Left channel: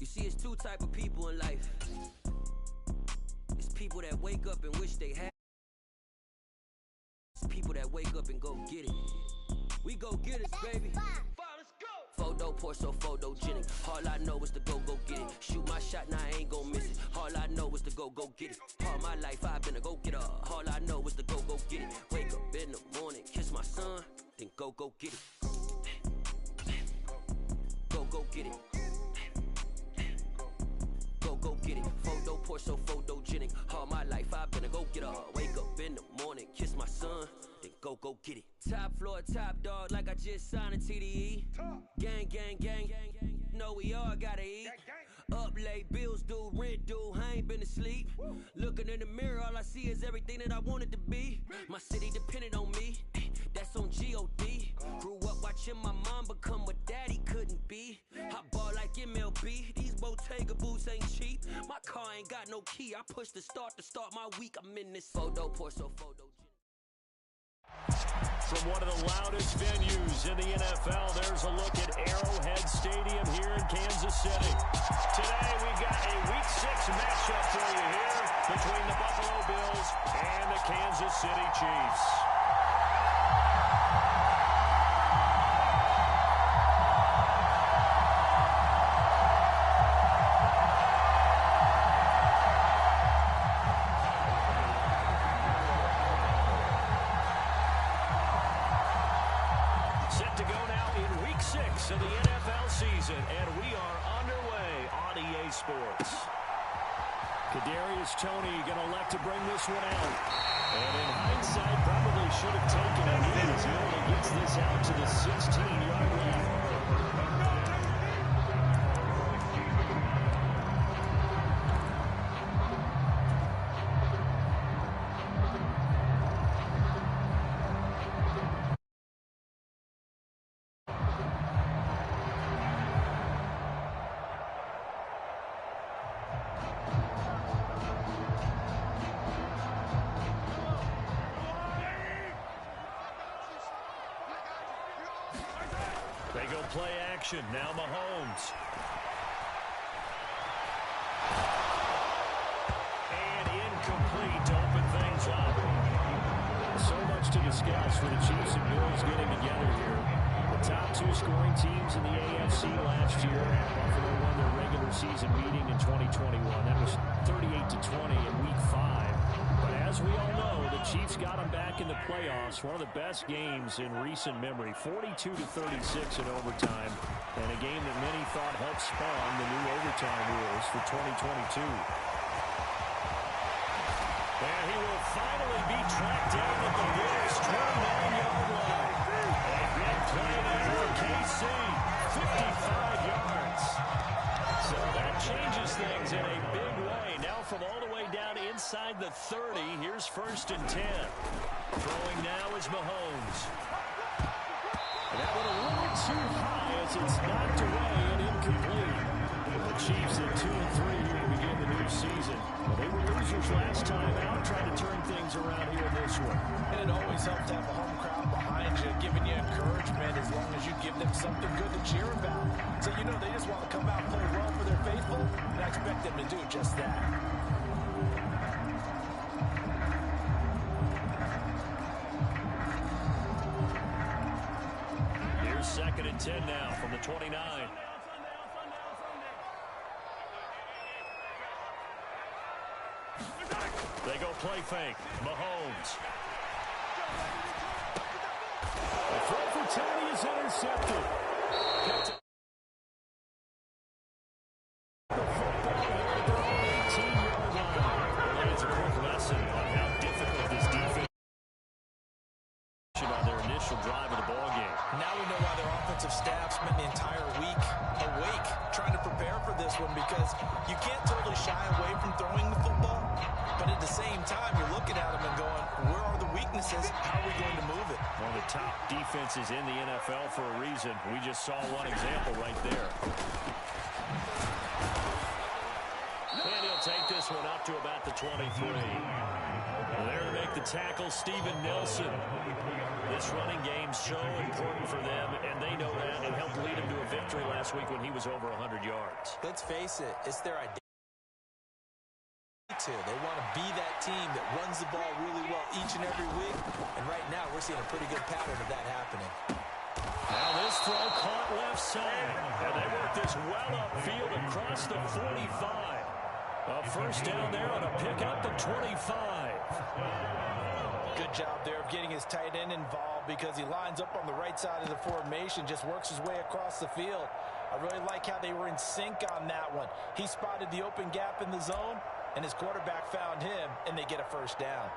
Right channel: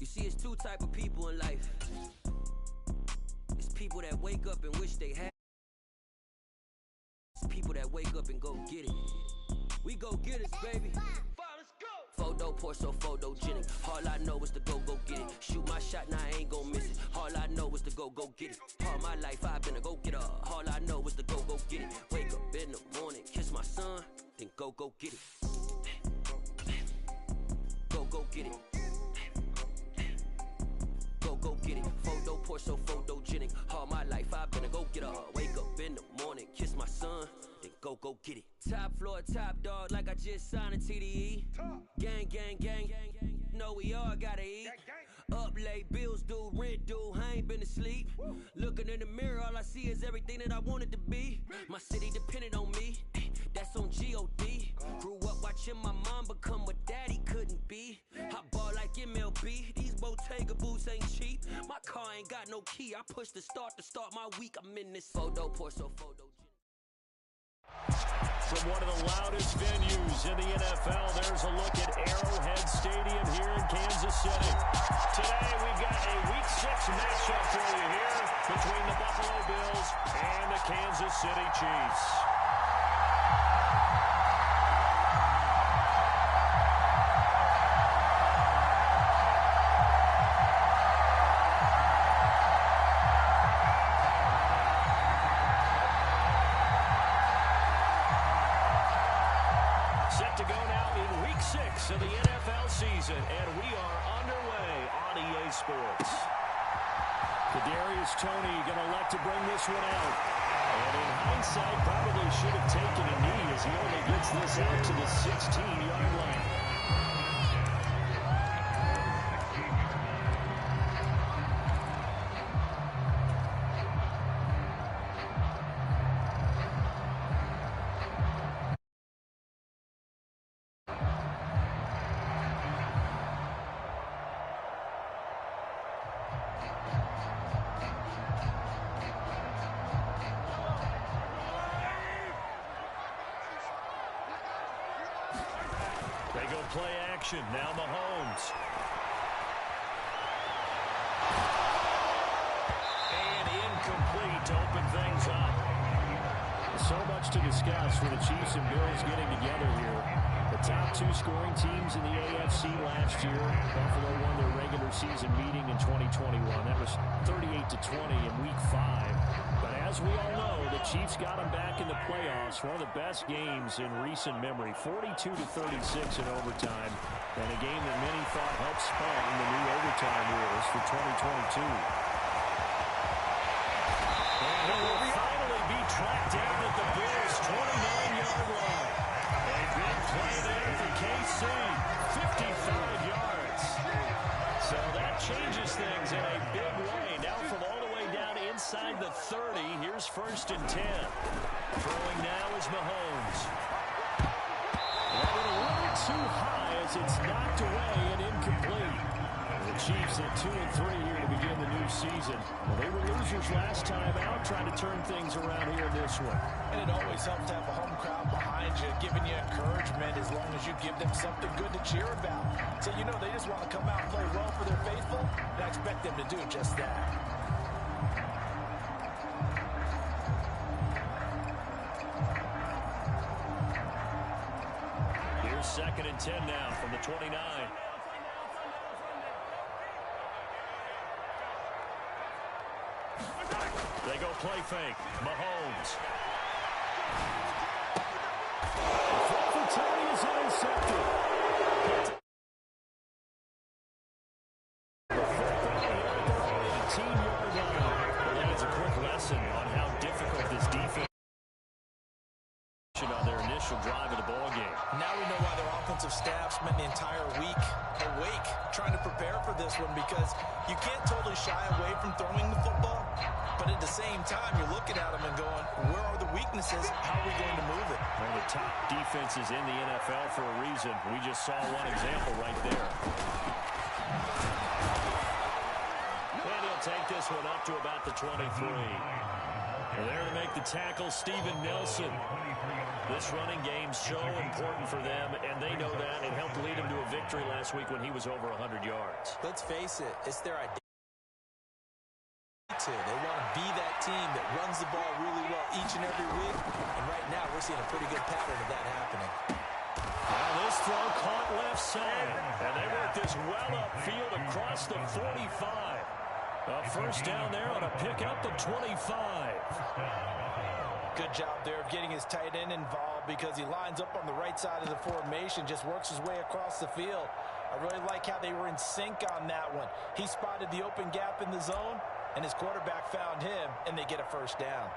You see, it's two type of people in life. It's people that wake up and wish they had. It's people that wake up and go get it. We go get it, baby. Let's go. Photo pour so photogenic. All I know is to go get it. Shoot my shot, now I ain't gon' miss it. All I know is to go get it. All my life I've been a go-getter. All I know is to go get it. Wake up in the morning, kiss my son, then go get it. Go get it. Go get it. Photo pour so photogenic. All my life I've been a go-getter. Wake up in the morning, kiss my son, then go get it. Top floor, top dog, like I just signed a TDE. Gang, gang, gang, gang, gang. Know we all gotta eat. Up late, bills due, rent due, I ain't been asleep. Looking in the mirror, all I see is everything that I wanted to be. My city depended on me, that's on G.O.D. Grew up watching my mom become what daddy couldn't be. I ball like MLB, these Bottega boots ain't cheap. My car ain't got no key, I push the start to start my week. I'm in this photo pour so photo. From one of the loudest venues in the NFL, there's a look at Arrowhead Stadium here in Kansas City. Today, we've got a Week 6 matchup for you here between the Buffalo Bills and the Kansas City Chiefs. Set to go now in Week 6 of the NFL season, and we are underway on EA Sports. Kadarius Toney going to elect to bring this one out. And in hindsight, probably should have taken a knee as he only gets this out to the 16-yard line. They go play action. Now Mahomes. And incomplete to open things up. So much to discuss for the Chiefs and Bills getting together here. The top two scoring teams in the AFC last year. Buffalo won their regular season meeting in 2021. That was 38-20 in Week 5. But as we all know, the Chiefs got them back in the playoffs. One of the best games in recent memory. 42-36 in overtime. And a game that many thought helped spawn the new overtime rules for 2022. And he will finally be tracked down at the Bills' 29-yard line. A big play there for KC. 55 yards. So that changes things in a big way. Now from all the way down inside the 30, here's 1st and 10. Throwing now is Mahomes. And that went a little too high as it's knocked away and incomplete. The Chiefs at 2-3 here to begin the new season. Well, they were losers last time out, trying to turn things around here in this one. And it always helps to have a home crowd behind you, giving you encouragement as long as you give them something good to cheer about. So you know they just want to come out and play well for their faithful, and I expect them to do just that. Here's 2nd and 10 now from the 29. They go play fake. Mahomes. The throw for Toney is intercepted. The football here at their own 18-yard line. Well, that is a quick lesson on how difficult this defense on their initial drive of the ball game. Now we know why their offensive staff spent the entire week awake trying to prepare for this one, because you can't totally shy away from throwing the football, but at the same time you're looking at them and going, where are the weaknesses? How are we going to move it? One of the top defenses in the NFL for a reason. We just saw one example right there. And he'll take this one up to about the 23. There to make the tackle, Steven Nelson. This running game's so important for them, and they know that. It helped lead them to a victory last week when he was over 100 yards. Let's face it, it's their identity. They want to be that team that runs the ball really well each and every week. And right now, we're seeing a pretty good pattern of that happening. Now this throw caught left side. And they work this well upfield across the 45. A first down there on a pickup of 25. Good job there of getting his tight end involved because he lines up on the right side of the formation, just works his way across the field. I really like how they were in sync on that one. He spotted the open gap in the zone, and his quarterback found him, and they get a first down.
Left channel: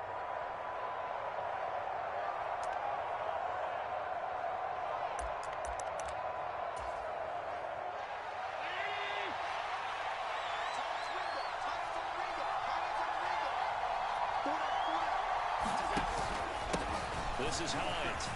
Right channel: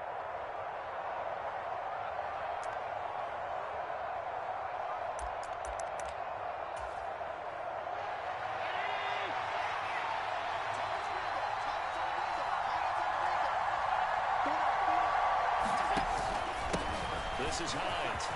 This is Hines.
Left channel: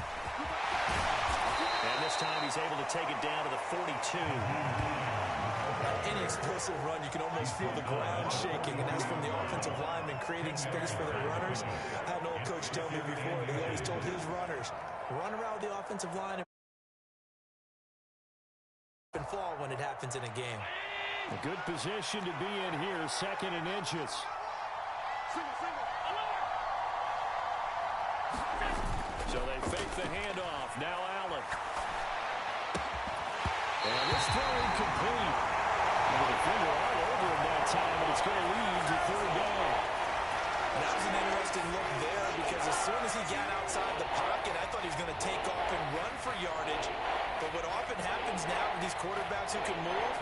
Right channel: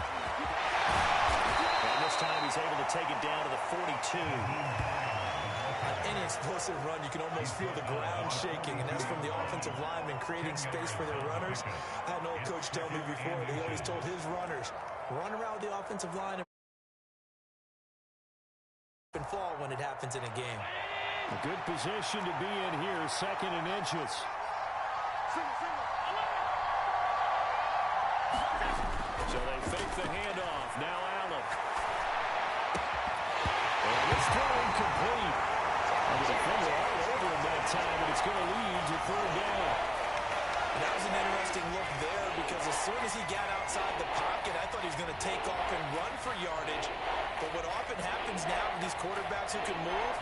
And this time he's able to take it down to the 42. On any explosive run, you can almost feel the ground shaking, and that's from the offensive linemen creating space for their runners. I had an old coach tell me before, he always told his runners, run around the offensive line and fall when it happens in a game. A good position to be in here, 2nd and inches. So they fake the handoff. Now Allen. And this throw incomplete. And the defender all over him that time, and it's going to lead to 3rd down. And that was an interesting look there because as soon as he got outside the pocket, I thought he was going to take off and run for yardage. But what often happens now with these quarterbacks who can move,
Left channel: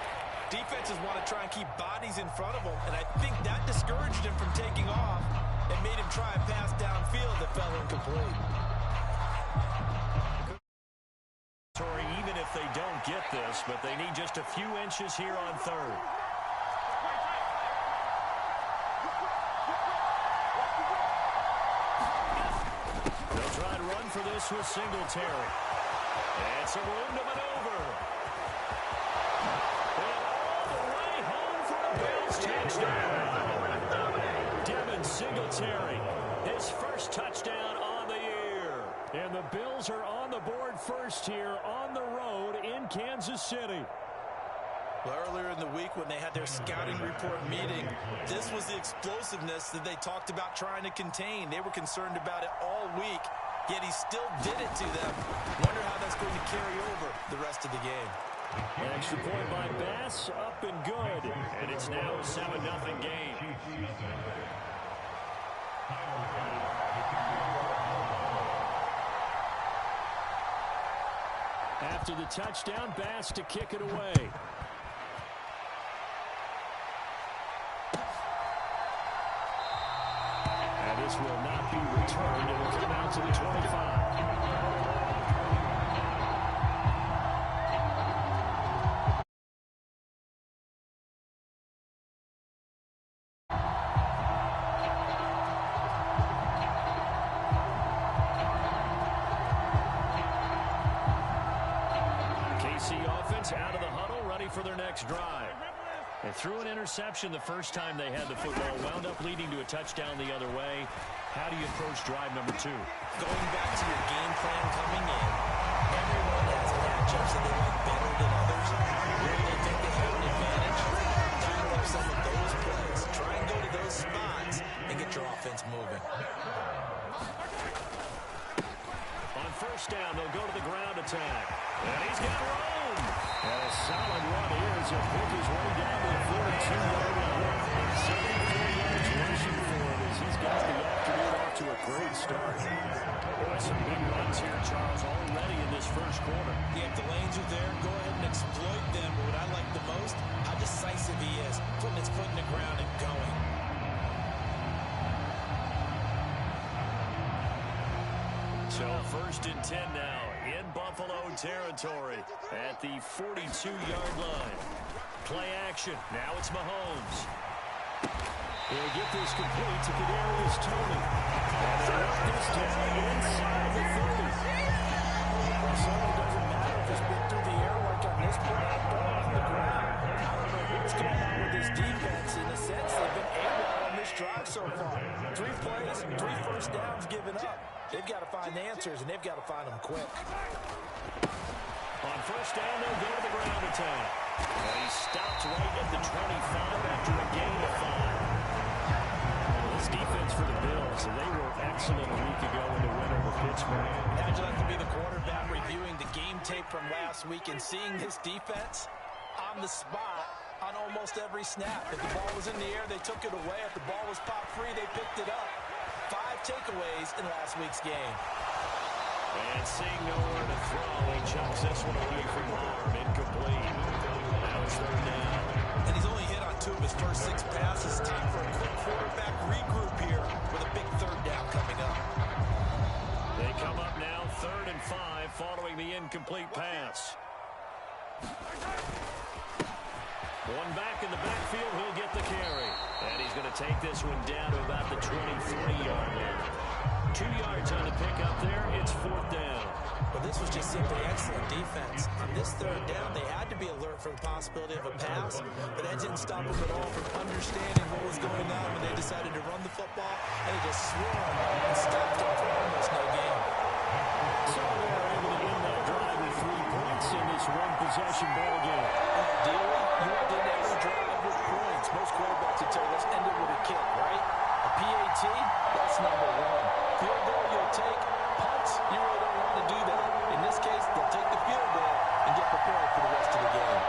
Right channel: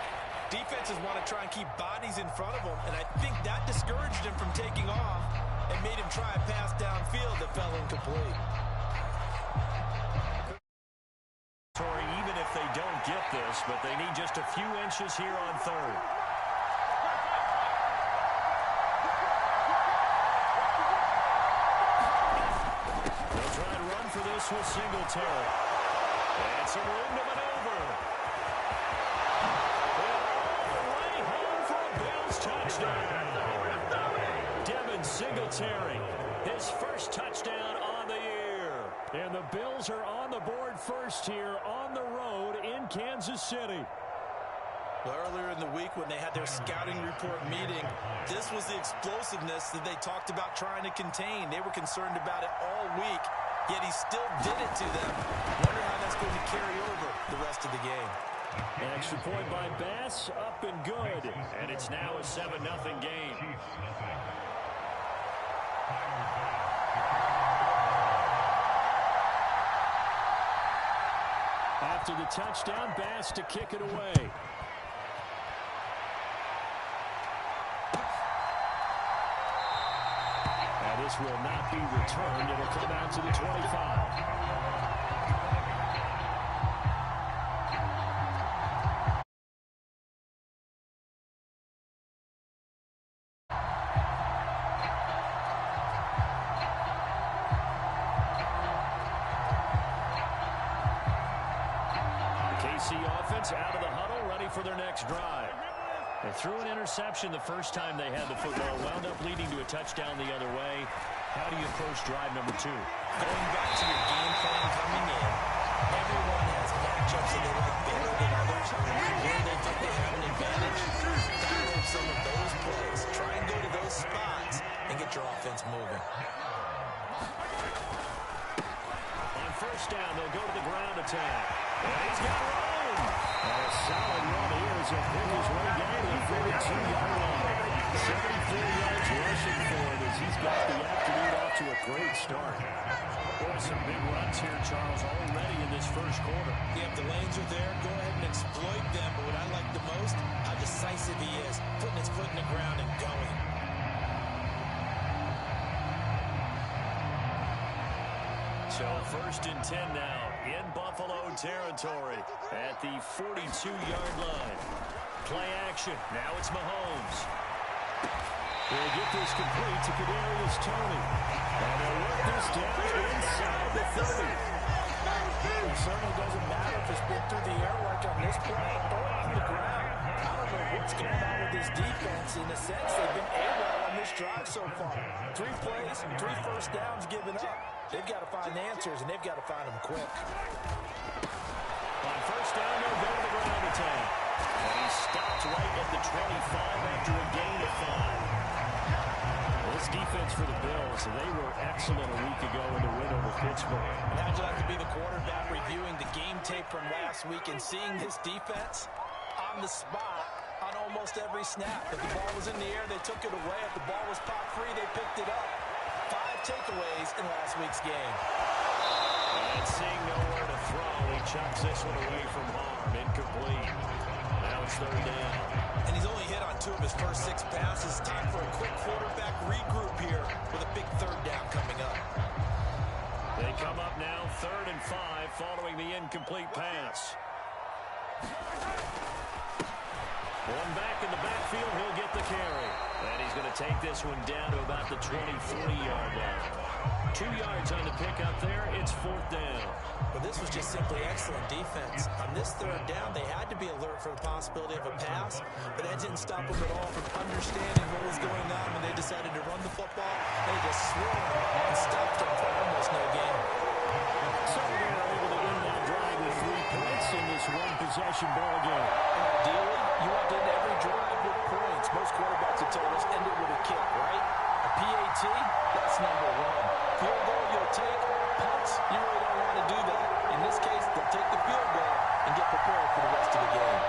defenses want to try and keep bodies in front of them, and I think that discouraged him from taking off and made him try a pass downfield that fell incomplete. Even if they don't get this, but they need just a few inches here on 3rd. They'll try and run for this with Singletary. And some room to maneuver. And all the way home for a Bills touchdown. Devin Singletary, his first touchdown on the year. And the Bills are on the board first here on the road in Kansas City. Well, earlier in the week when they had their scouting report meeting, this was the explosiveness that they talked about trying to contain. They were concerned about it all week, yet he still did it to them. Wonder how that's going to carry over the rest of the game. An extra point by Bass, up and good. And it's now a 7-0 game. After the touchdown, Bass to kick it away. And this will not be returned. It'll come out to the 25. KC offense out of the huddle, ready for their next drive. They threw an interception the first time they had the football, wound up leading to a touchdown the other way. How do you approach drive number 2? Going back to your game plan coming in, everyone has matchups that they like better than others. Where they think they have an advantage, dial up some of those plays. Try and go to those spots and get your offense moving. On first down, they'll go to the ground attack. And he's got room. And a solid run here as he'll pick his way down to the 42-yard line. 74 yards rushing for him as he's got the afternoon off to a great start. Boy, some big runs here, Charles, already in this first quarter. Yeah, if the lanes are there, go ahead and exploit them. But what I like the most, how decisive he is, putting his foot in the ground and going. So 1st and 10 now in Buffalo territory at the 42-yard line. Play action. Now it's Mahomes. They'll get this complete to Kadarius Toney. And they'll work this down inside the 30. Well, it certainly doesn't matter if it's been through the air like on this play or on the ground. I don't know what's going on with this defense. In a sense, they've been AWOL on this drive so far. 3 plays, 3 first downs given up. They've got to find answers, and they've got to find them quick. On first down, they'll go to the ground attack. And he stops right at the 25 after a gain of 5. This defense for the Bills, they were excellent a week ago in the win over Pittsburgh. And how'd you like to be the quarterback reviewing the game tape from last week and seeing this defense on the spot on almost every snap? If the ball was in the air, they took it away. If the ball was pop free, they picked it up. 5 takeaways in last week's game. And seeing nowhere to throw, he chucks this one away from harm. Incomplete. Now it's third down. And he's only hit on 2 of his first 6 passes. Time for a quick quarterback regroup here with a big third down coming up. They come up now 3rd and 5 following the incomplete pass. One back in the backfield, he'll get the carry. And he's going to take this one down to about the 23-yard line. 2 yards on the pickup there. It's 4th down. Well, this was just simply excellent defense. On this third down, they had to be alert for the possibility of a pass, but that didn't stop them at all from understanding what was going on when they decided to run the football. They just swarmed and stopped them for almost no gain. So they're able to end that drive with 3 points in this one-possession ball game. Ideally, you want to end every drive with points. Most quarterbacks would tell you, let's end it with a kick, right? A PAT, that's number 1. Field goal you'll take. Punts, you really don't want to do that. In this case, they'll take the field goal and get prepared for the rest of the game.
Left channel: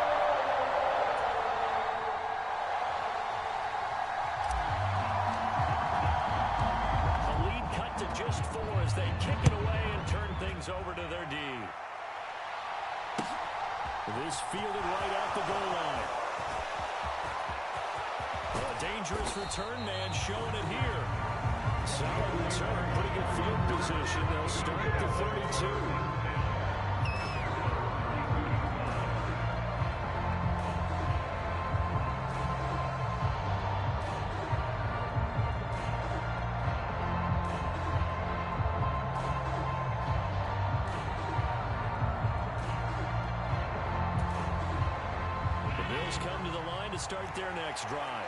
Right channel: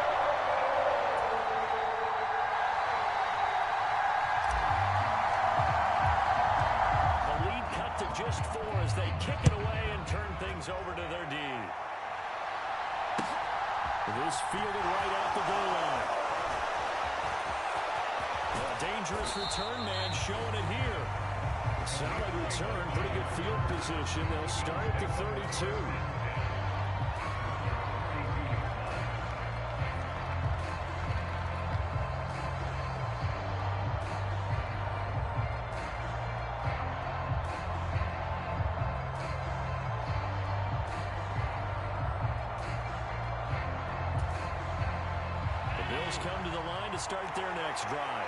The lead cut to just 4 as they kick it away and turn things over to their D. This fielded right at the goal line. A dangerous return man showing it here. Solid return, pretty good field position. They'll start at the 32. The Bills come to the line to start their next drive.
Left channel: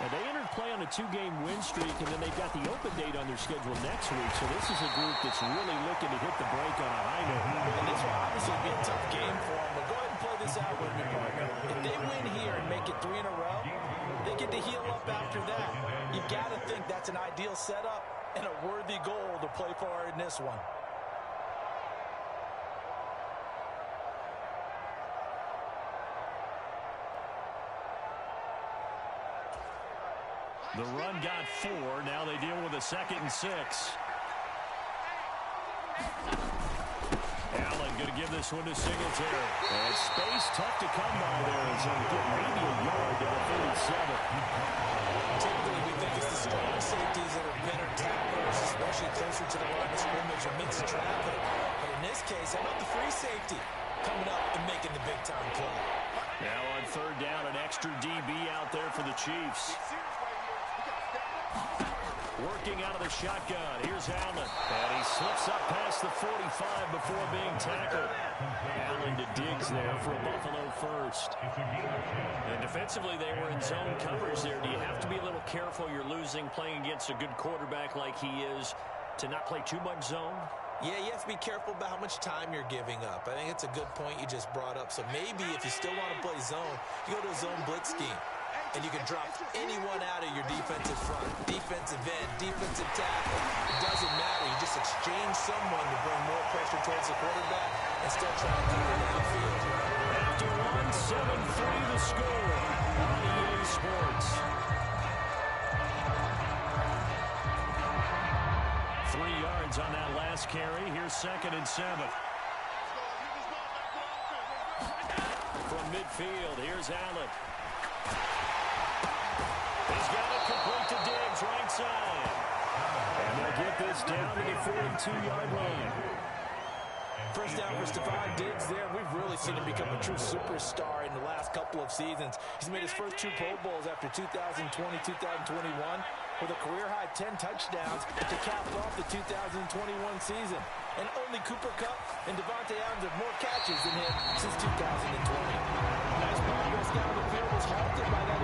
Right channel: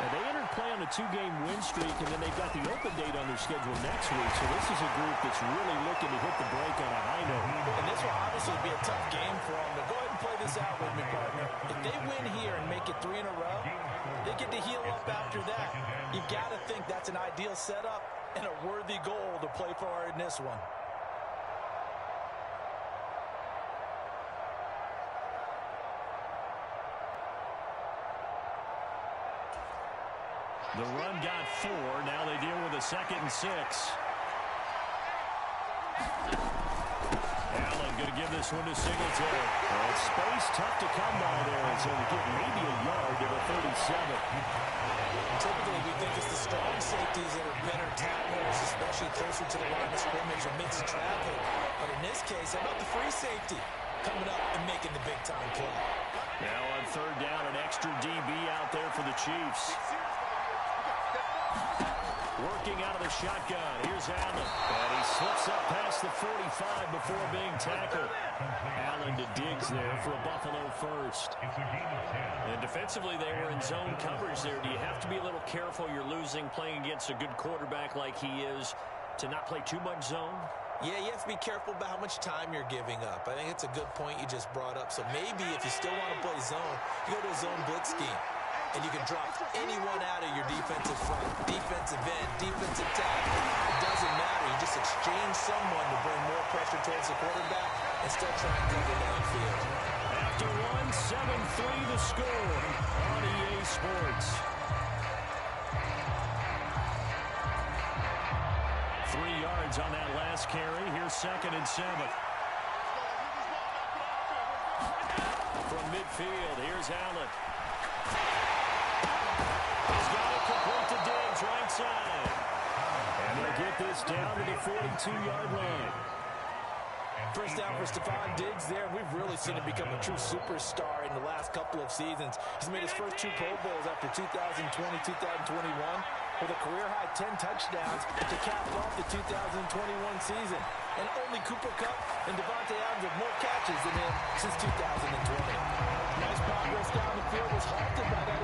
And they entered play on a 2-game win streak, and then they've got the open date on their schedule next week. So this is a group that's really looking to hit the break on a high note. And this will obviously be a tough game for them, but go ahead and play this out with me, partner. If they win here and make it 3 in a row, they get to heal up after that. You've got to think that's an ideal setup and a worthy goal to play for in this one. The run got 4. Now they deal with a 2nd and 6. Allen going to give this one to Singletary. And space tough to come by there. And so they get maybe a yard to the 37. Typically, we think it's the strong safeties that are better tacklers, especially closer to the line of scrimmage or mixed traffic. But in this case, how about the free safety coming up and making the big-time play? Now on third down, an extra DB out there for the Chiefs. Working out of the shotgun. Here's Allen. And he slips up past the 45 before being tackled. Allen to Diggs there for a Buffalo first. And defensively, they were in zone coverage there. Do you have to be a little careful? You're losing playing against a good quarterback like he is to not play too much zone? Yeah, you have to be careful about how much time you're giving up. I think it's a good point you just brought up. So maybe if you still want to play zone, you go to a zone blitz scheme. And you can drop anyone out of your defensive front, defensive end, defensive tackle. It doesn't matter. You just exchange someone to bring more pressure towards the quarterback and still try and cover downfield. After 7-3 the score on EA Sports. 3 yards on that last carry. Here's 2nd and 7. From midfield, here's Allen. He's got it complete to Diggs, right side. And they'll get this down to the 42-yard line. First down for Stephon Diggs there. We've really seen him become a true superstar in the last couple of seasons. He's made his first 2 Pro Bowls after 2020, 2021 with a career-high 10 touchdowns to cap off the 2021 season. And only Cooper Kupp and Devontae Adams have more catches than him since 2020. Nice progress down the field was halted by that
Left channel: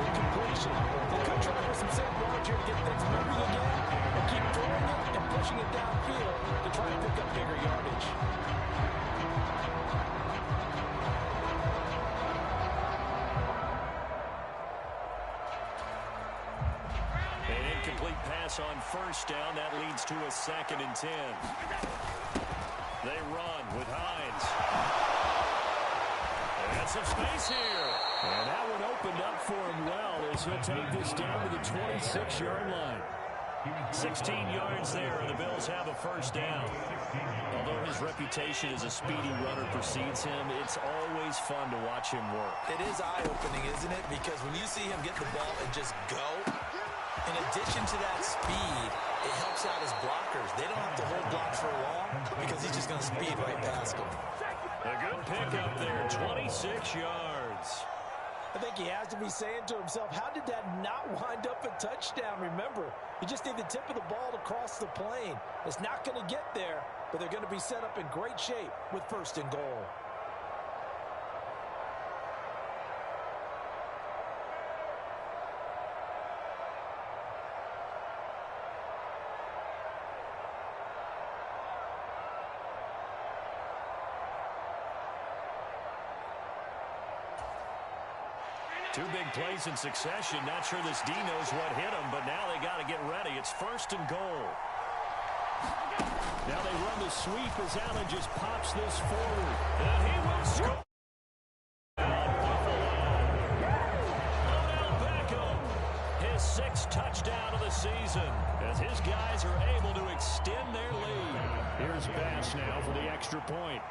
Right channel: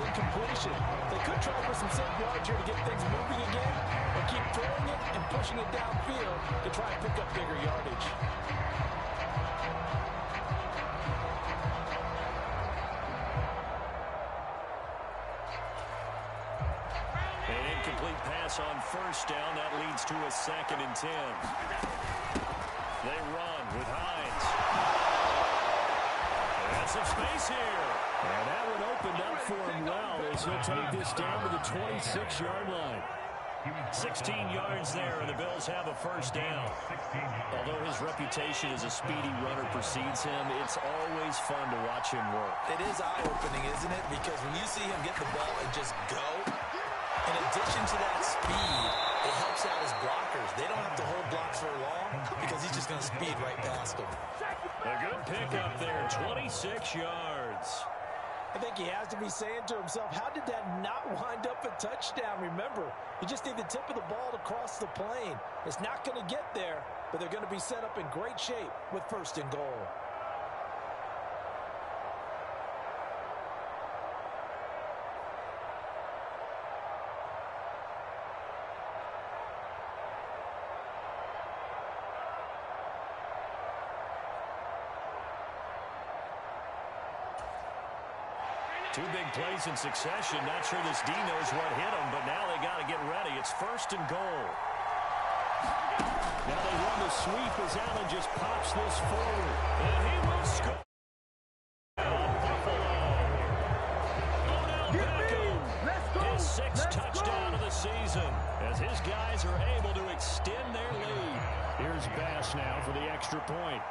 save yards here to get things moving again, or keep throwing it and pushing it downfield to try and pick up bigger yardage. An incomplete pass on first down. That leads to a 2nd and 10. They run with Hines. And some space here. And that one opened up for him well as he'll take this down to the 26-yard line. 16 yards there, and the Bills have a first down. Although his reputation as a speedy runner precedes him, it's always fun to watch him work. It is eye-opening, isn't it? Because when you see him get the ball and just go, in addition to that speed, it helps out his blockers. They don't have to hold blocks for long because he's just going to speed right past them. A good pickup there, 26 yards. I think he has to be saying to himself, how did that not wind up a touchdown? Remember, you just need the tip of the ball to cross the plane. It's not going to get there, but they're going to be set up in great shape with 1st and goal. Two big plays in succession. Not sure this D knows what hit him, but now they got to get ready. It's 1st and goal. Now they run the sweep as Allen just pops this forward. And he will score. Buffalo. Odell Beckham. His 6th touchdown of the season as his guys are able to extend their lead. Here's Bass now for the extra point.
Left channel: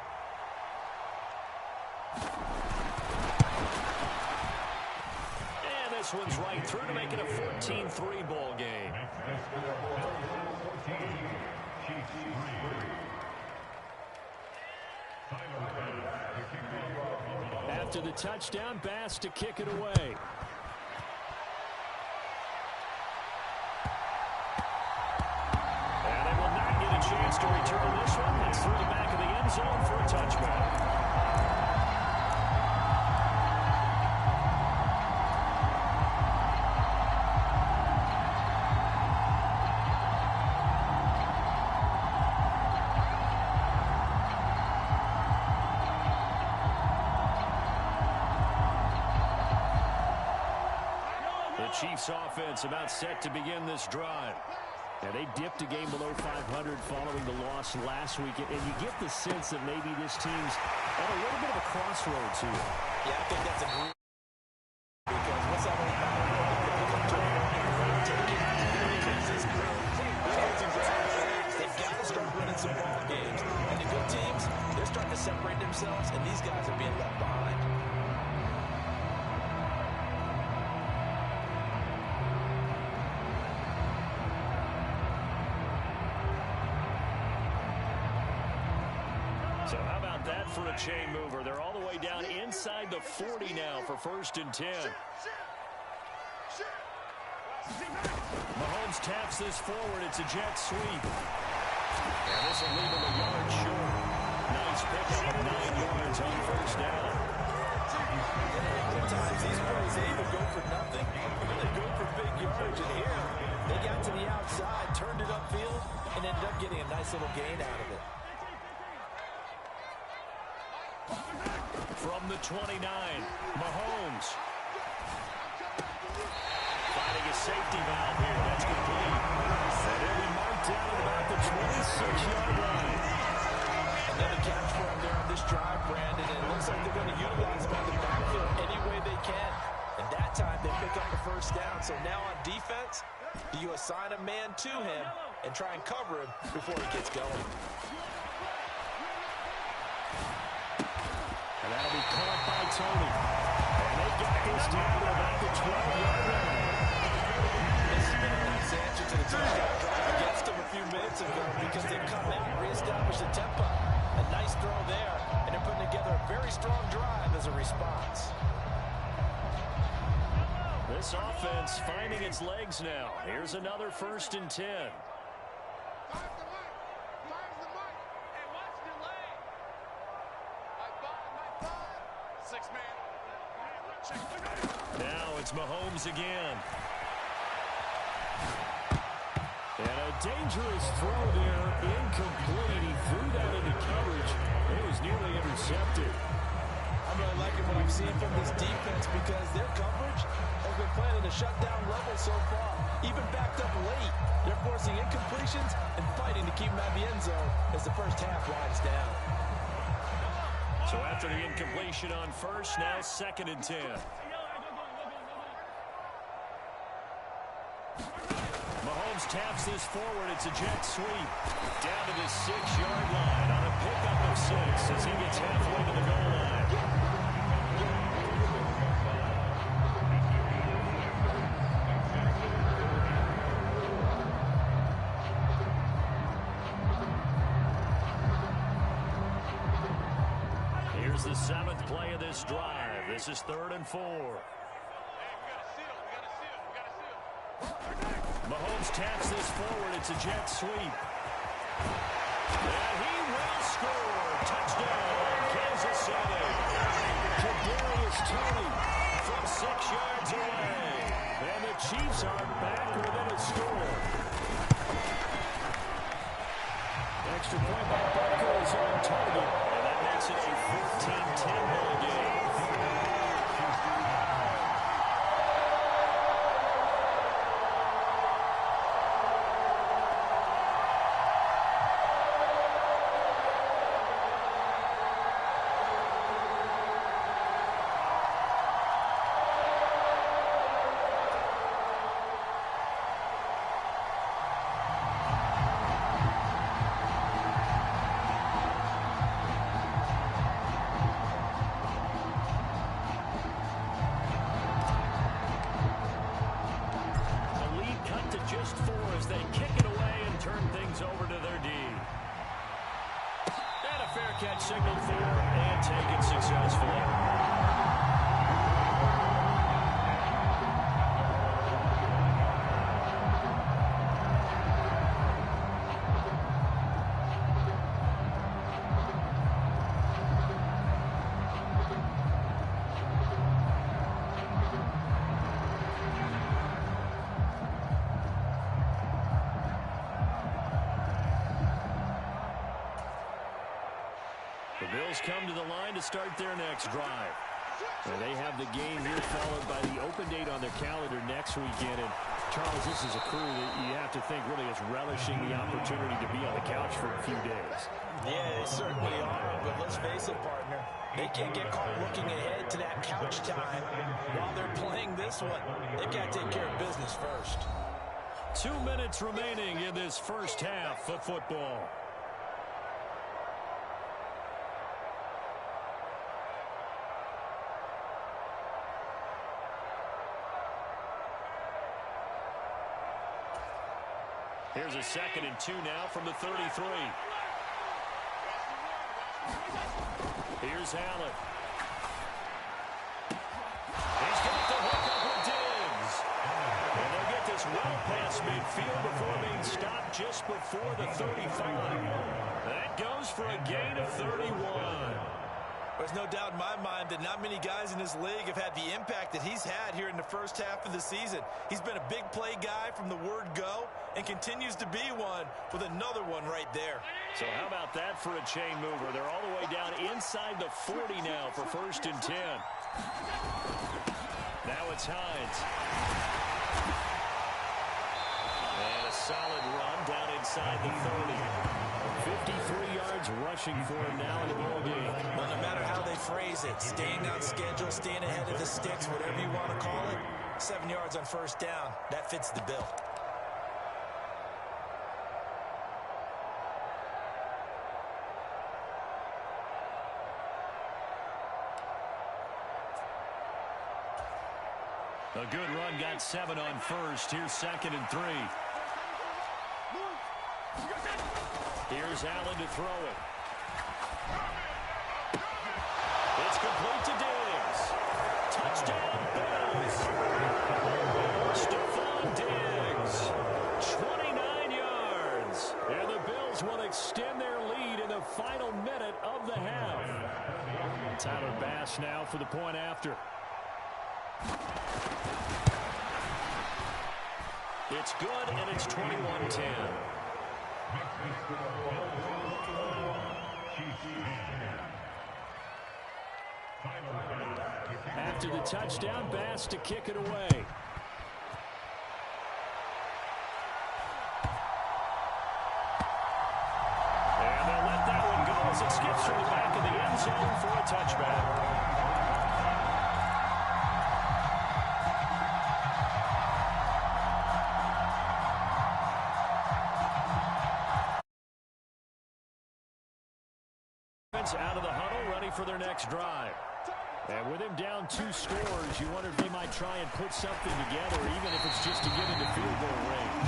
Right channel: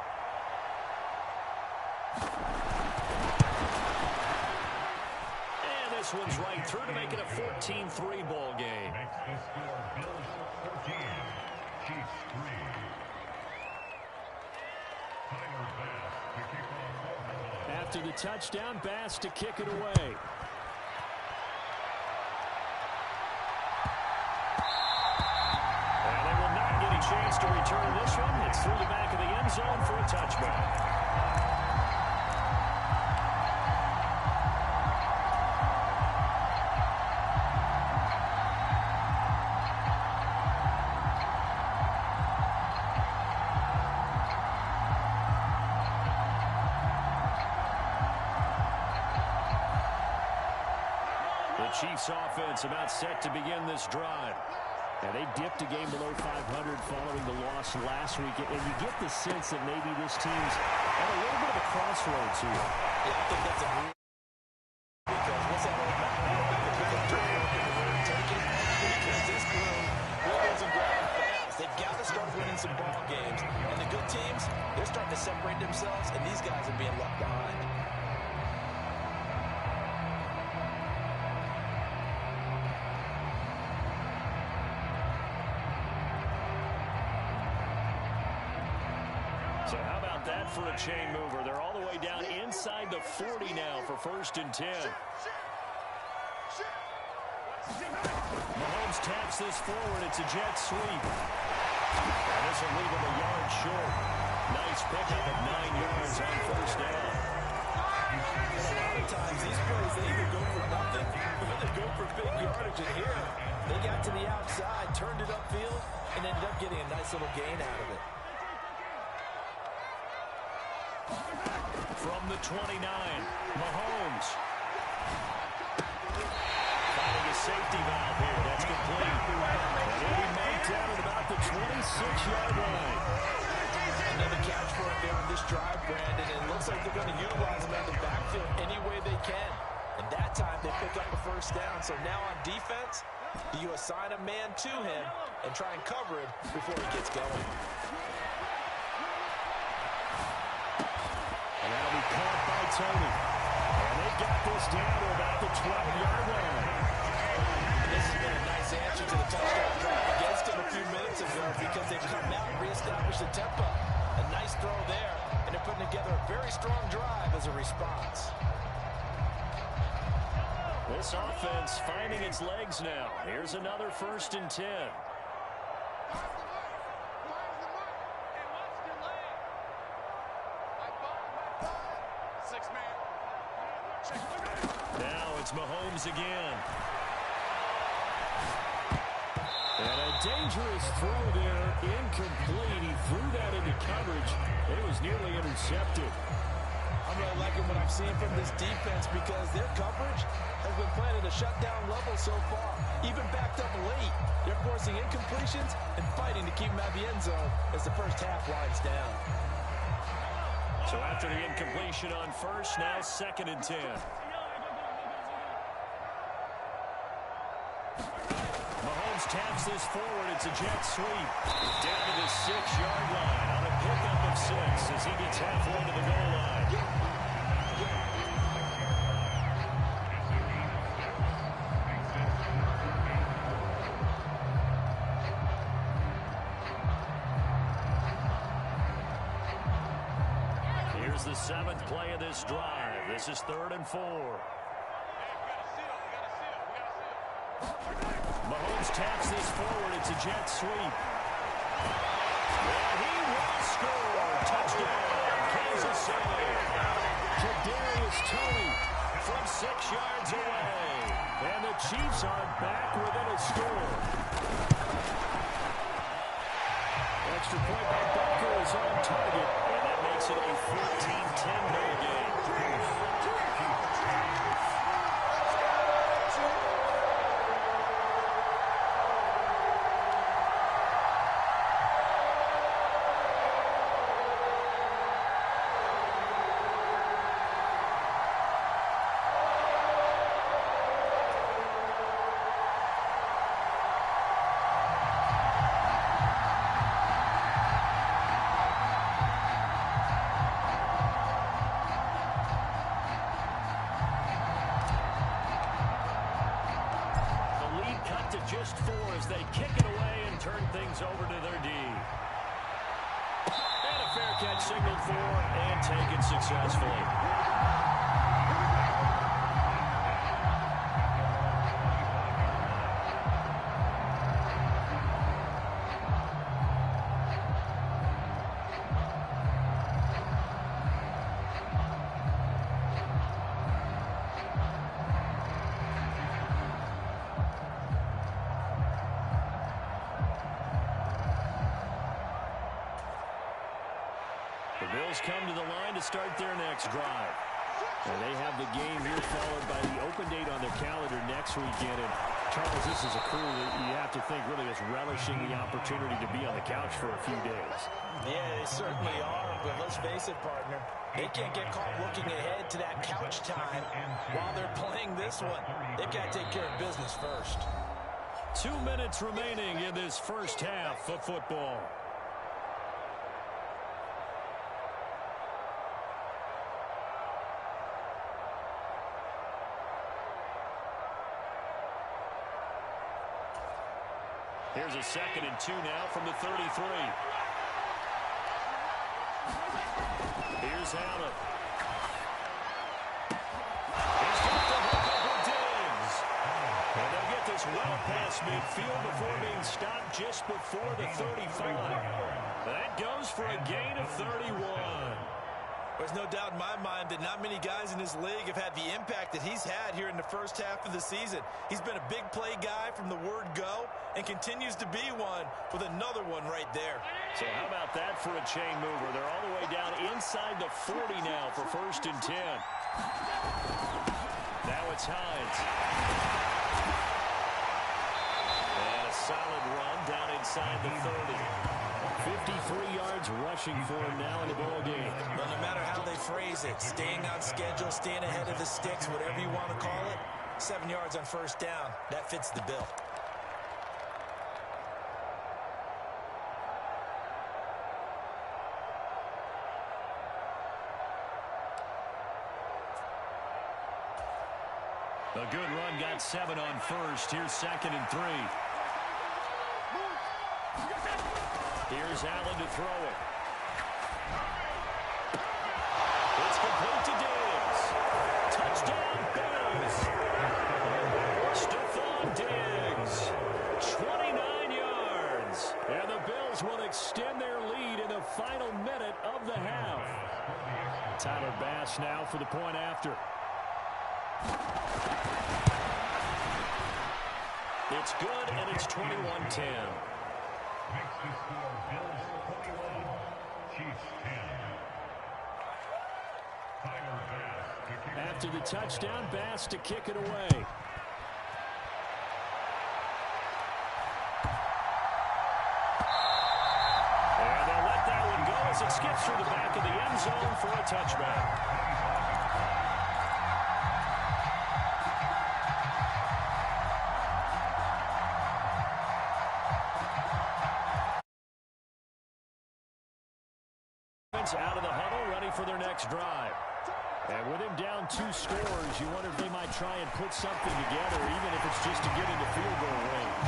This one's right through to make it a 14-3 ball game. After the touchdown, Bass to kick it away. And they will not get a chance to return this one. It's through the back of the end zone for a touchback. Chiefs offense about set to begin this drive. And they dipped a game below 500 following the loss last week. And you get the sense that maybe this team's at a little bit of a crossroads here. Yeah, I think that's a group. Because what's that old mountain that they pick up turn and take it? Because this crew, they're losing ground fast. They've got to start winning some ball games. And the good teams, they're starting to separate themselves, and these guys are being left behind. So how about that for a chain mover? They're all the way down inside the 40 now for 1st and 10. Mahomes taps this forward. It's a jet sweep. And this will leave him a yard short. Nice pickup of 9 yards on 1st down. And a lot of times these plays, they either go for nothing or they go for big yardage. And here, they got to the outside, turned it upfield, and ended up getting a nice little gain out of it. From the 29, Mahomes. Finding a safety valve here. That's complete. And he'll be marked down at about the 26-yard line. Another catch for him there on this drive, Brandon. And it looks like they're going to utilize him out of the backfield any way they can. And that time they pick up a 1st down. So now on defense, do you assign a man to him and try and cover him before he gets going? And that'll be caught by Tony. And they've got this down to about the 12-yard line. This has been a nice answer to the touchdown drive against them a few minutes ago because they've come out and reestablished the tempo. A nice throw there, and they're putting together a very strong drive as a response. This offense finding its legs now. Here's another 1st and 10. Now it's Mahomes again. And a dangerous throw there, incomplete. He threw that into coverage. It was nearly intercepted. I'm really liking what I'm seeing from this defense because their coverage has been playing at a shutdown level so far. Even backed up late, they're forcing incompletions and fighting to keep them out of the end zone as the first half winds down. So after the incompletion on first, now 2nd and 10. Mahomes taps this forward. It's a jet sweep. Down to the 6-yard line on a pickup of 6 as he gets halfway to the goal line. Here's the 7th play of this drive. This is 3rd and 4. Mahomes taps this forward. It's a jet sweep. And he will score. Touchdown, Kansas City. Kadarius Toney from 6 yards away. And the Chiefs are back within a score. Extra point by Butker is on target. And that makes it a 14-10 ball game. To just 4 as they kick it away and turn things over to their D. And a fair catch signaled for and taken successfully. The Bills come to the line to start their next drive. And they have the game here followed by the open date on their calendar next weekend. And Charles, this is a crew that you have to think really is relishing the opportunity to be on the couch for a few days. Yeah, they certainly are. But let's face it, partner, they can't get caught looking ahead to that couch time while they're playing this one. They've got to take care of business first. 2 minutes remaining in this first half of football. Here's a 2nd and 2 now from the 33. Here's Allen. He's got the hook up with Diggs. And they'll get this well past midfield before being stopped just before the 35. That goes for a gain of 31. There's no doubt in my mind that not many guys in this league have had the impact that he's had here in the first half of the season. He's been a big play guy from the word go and continues to be one with another one right there. So how about that for a chain mover? They're all the way down inside the 40 now for 1st and 10. Now it's Hines. And a solid run down inside the 30. 53 yards rushing for him now in the ball game. Well, no matter how they phrase it, staying on schedule, staying ahead of the sticks, whatever you want to call it, 7 yards on 1st down, that fits the bill. A good run, got 7 on 1st. Here's 2nd and 3. Here's Allen to throw it. It's complete to Diggs. Touchdown, Bills. Stephon Diggs, 29 yards. And the Bills will extend their lead in the final minute of the half. Tyler Bass now for the point after. It's good, and it's 21-10. After the touchdown, Bass to kick it away. And they'll let that one go as it skips through the back of the end zone for a touchback. Out of the huddle, ready for their next drive. And with him down 2 scores, you wonder if they might try and put something together, even if it's just to get into field goal range.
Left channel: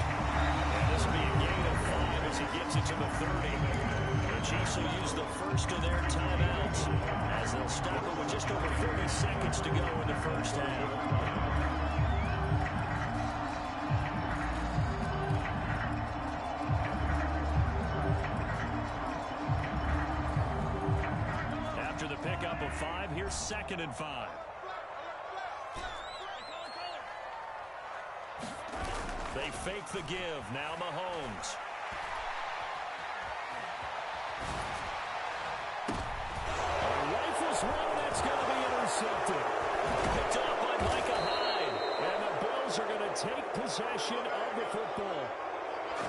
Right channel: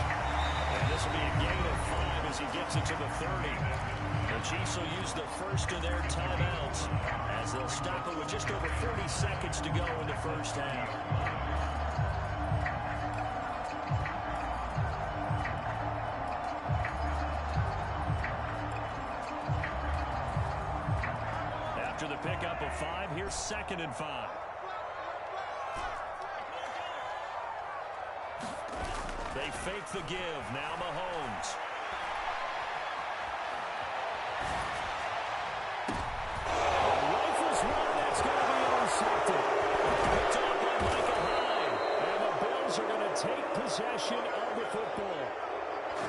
And this will be a gain of 5 as he gets it to the 30. The Chiefs will use the first of their timeouts as they'll stop it with just over 30 seconds to go in the first half. After the pickup of 5, here's 2nd and 5. They fake the give. Now Mahomes. Rifles one, that's going to be intercepted. Picked off by Micah Hyde. And the Bills are going to take possession of the football.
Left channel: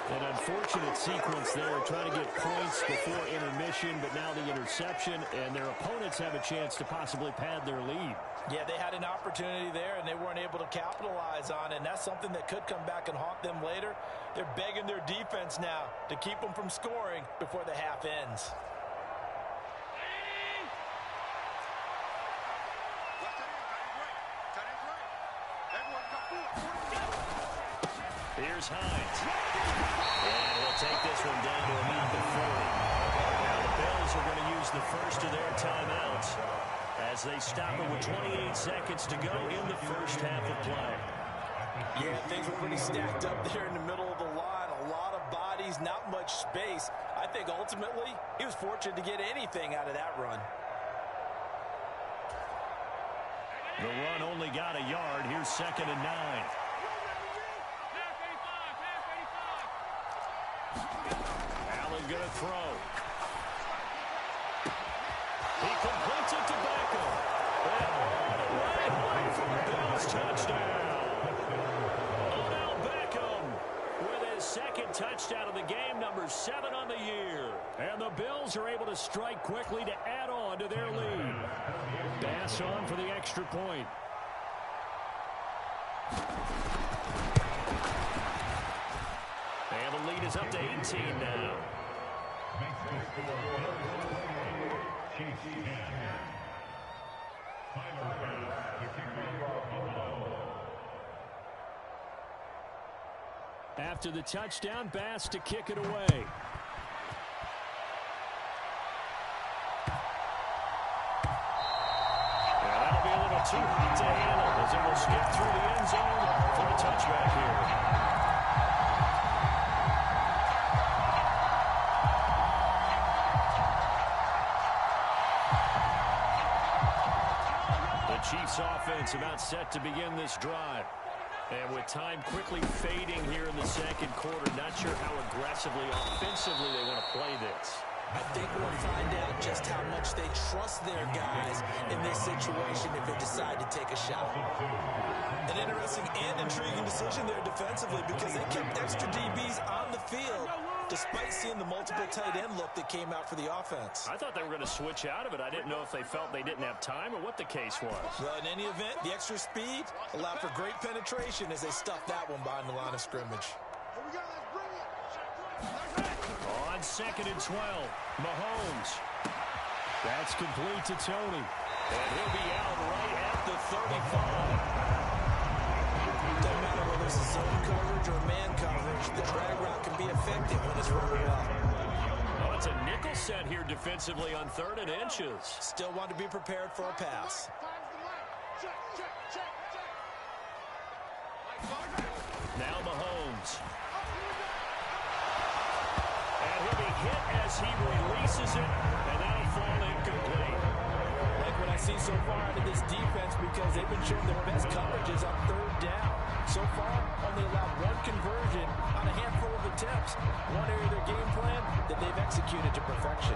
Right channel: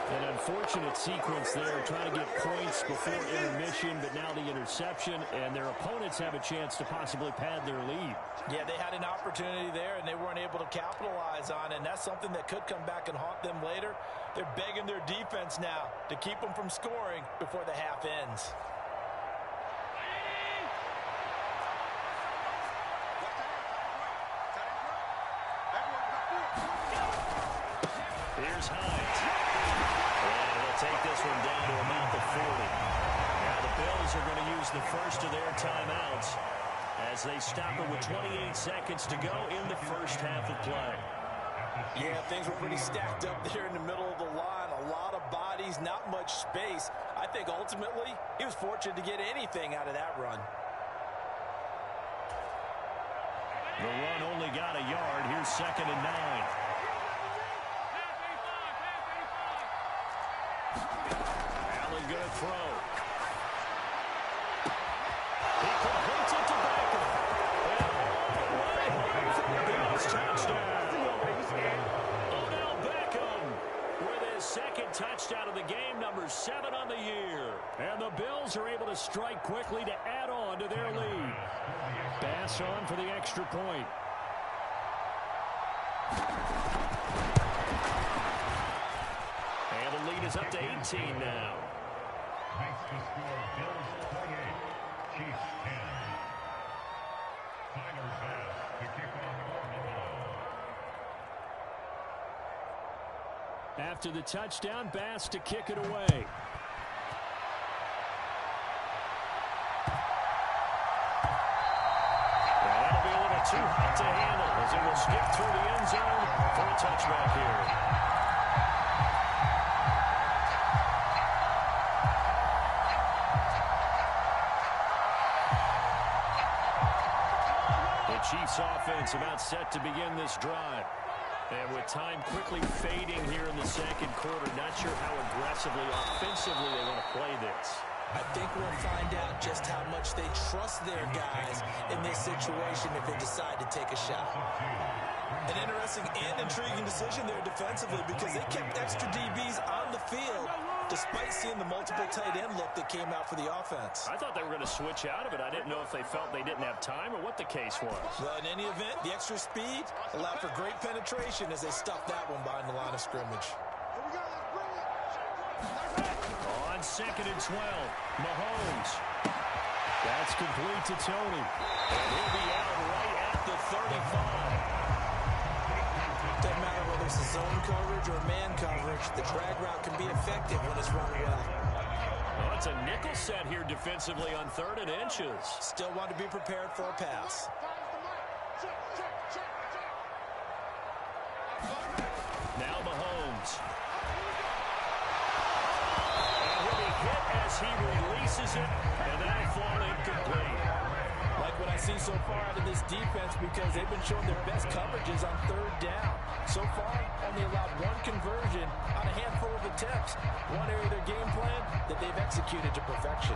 An unfortunate sequence there, trying to get points before intermission, but now the interception, and their opponents have a chance to possibly pad their lead. Yeah, they had an opportunity there, and they weren't able to capitalize on it, and that's something that could come back and haunt them later. They're begging their defense now to keep them from scoring before the half ends. Here's Hines. And he'll take this one down to about the 40. Now the Bills are going to use the first of their timeouts as they stop it with 28 seconds to go in the first half of play. Yeah, things were pretty stacked up there in the middle of the line. A lot of bodies, not much space. I think ultimately he was fortunate to get anything out of that run. The run only got a yard. Here's 2nd and 9. Allen going to throw. He completes it to Beckham. And all the way home for a Bills touchdown. Odell Beckham with his 2nd touchdown of the game, number 7 on the year. And the Bills are able to strike quickly to add on to their lead. Bass on for the extra point. And the lead is up to 18 now. Makes the score Bills 28, Chiefs 10. Tyler Bass to kick off Buffalo. After the touchdown, Bass to kick it away. And that'll be a little too hot to handle as it will skip through the end zone for a touchback here. The Chiefs offense about set to begin this drive. And with time quickly fading here in the 2nd quarter, not sure how aggressively, offensively they want to play this. I think we'll find out just how much they trust their guys in this situation if they decide to take a shot. An interesting and intriguing decision there defensively because they kept extra DBs on the field despite seeing the multiple tight end look that came out for the offense. I thought they were going to switch out of it. I didn't know if they felt they didn't have time or what the case was. Well, in any event, the extra speed allowed for great penetration as they stuffed that one behind the line of scrimmage. Here we go, let's bring it. On 2nd and 12, Mahomes. That's complete to Tony. And he'll be out right at the 35. Doesn't matter whether it's a zone coverage or man coverage, the drag route can be effective when it's run well. Oh, it's a nickel set here defensively on 3rd and inches. Still want to be prepared for a pass. Now Mahomes. And he'll be hit as he releases it, and that'll fall incomplete. Like what I see so far out of this defense because they've been showing their best coverages on third down. So far, only allowed one conversion on a handful of attempts. One area of their game plan that they've executed to perfection.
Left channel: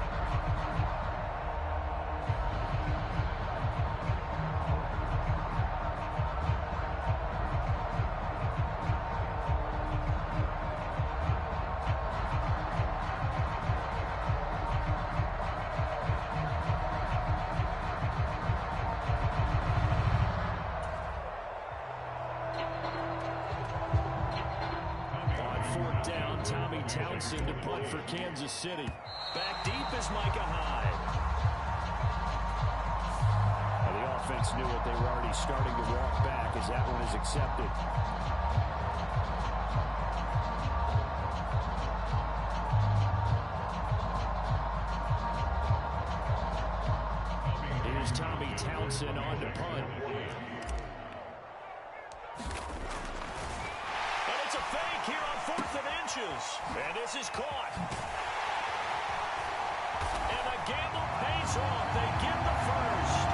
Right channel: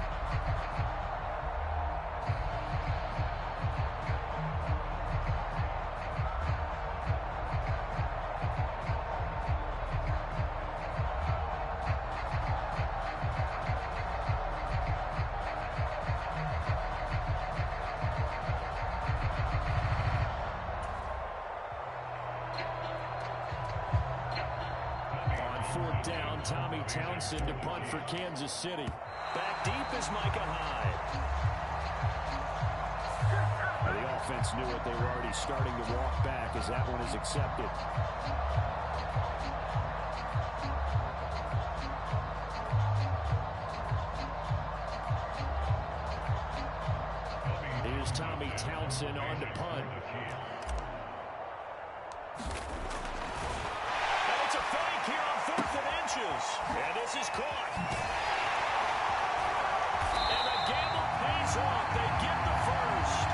Fourth down, Tommy Townsend to punt for Kansas City. Back deep is Micah Hyde. Now, the offense knew it. They were already starting to walk back as that one is accepted. Here's Tommy Townsend on to punt. It's a fake here on 4th and inches. And this is caught. And the gamble pays off. They get the first.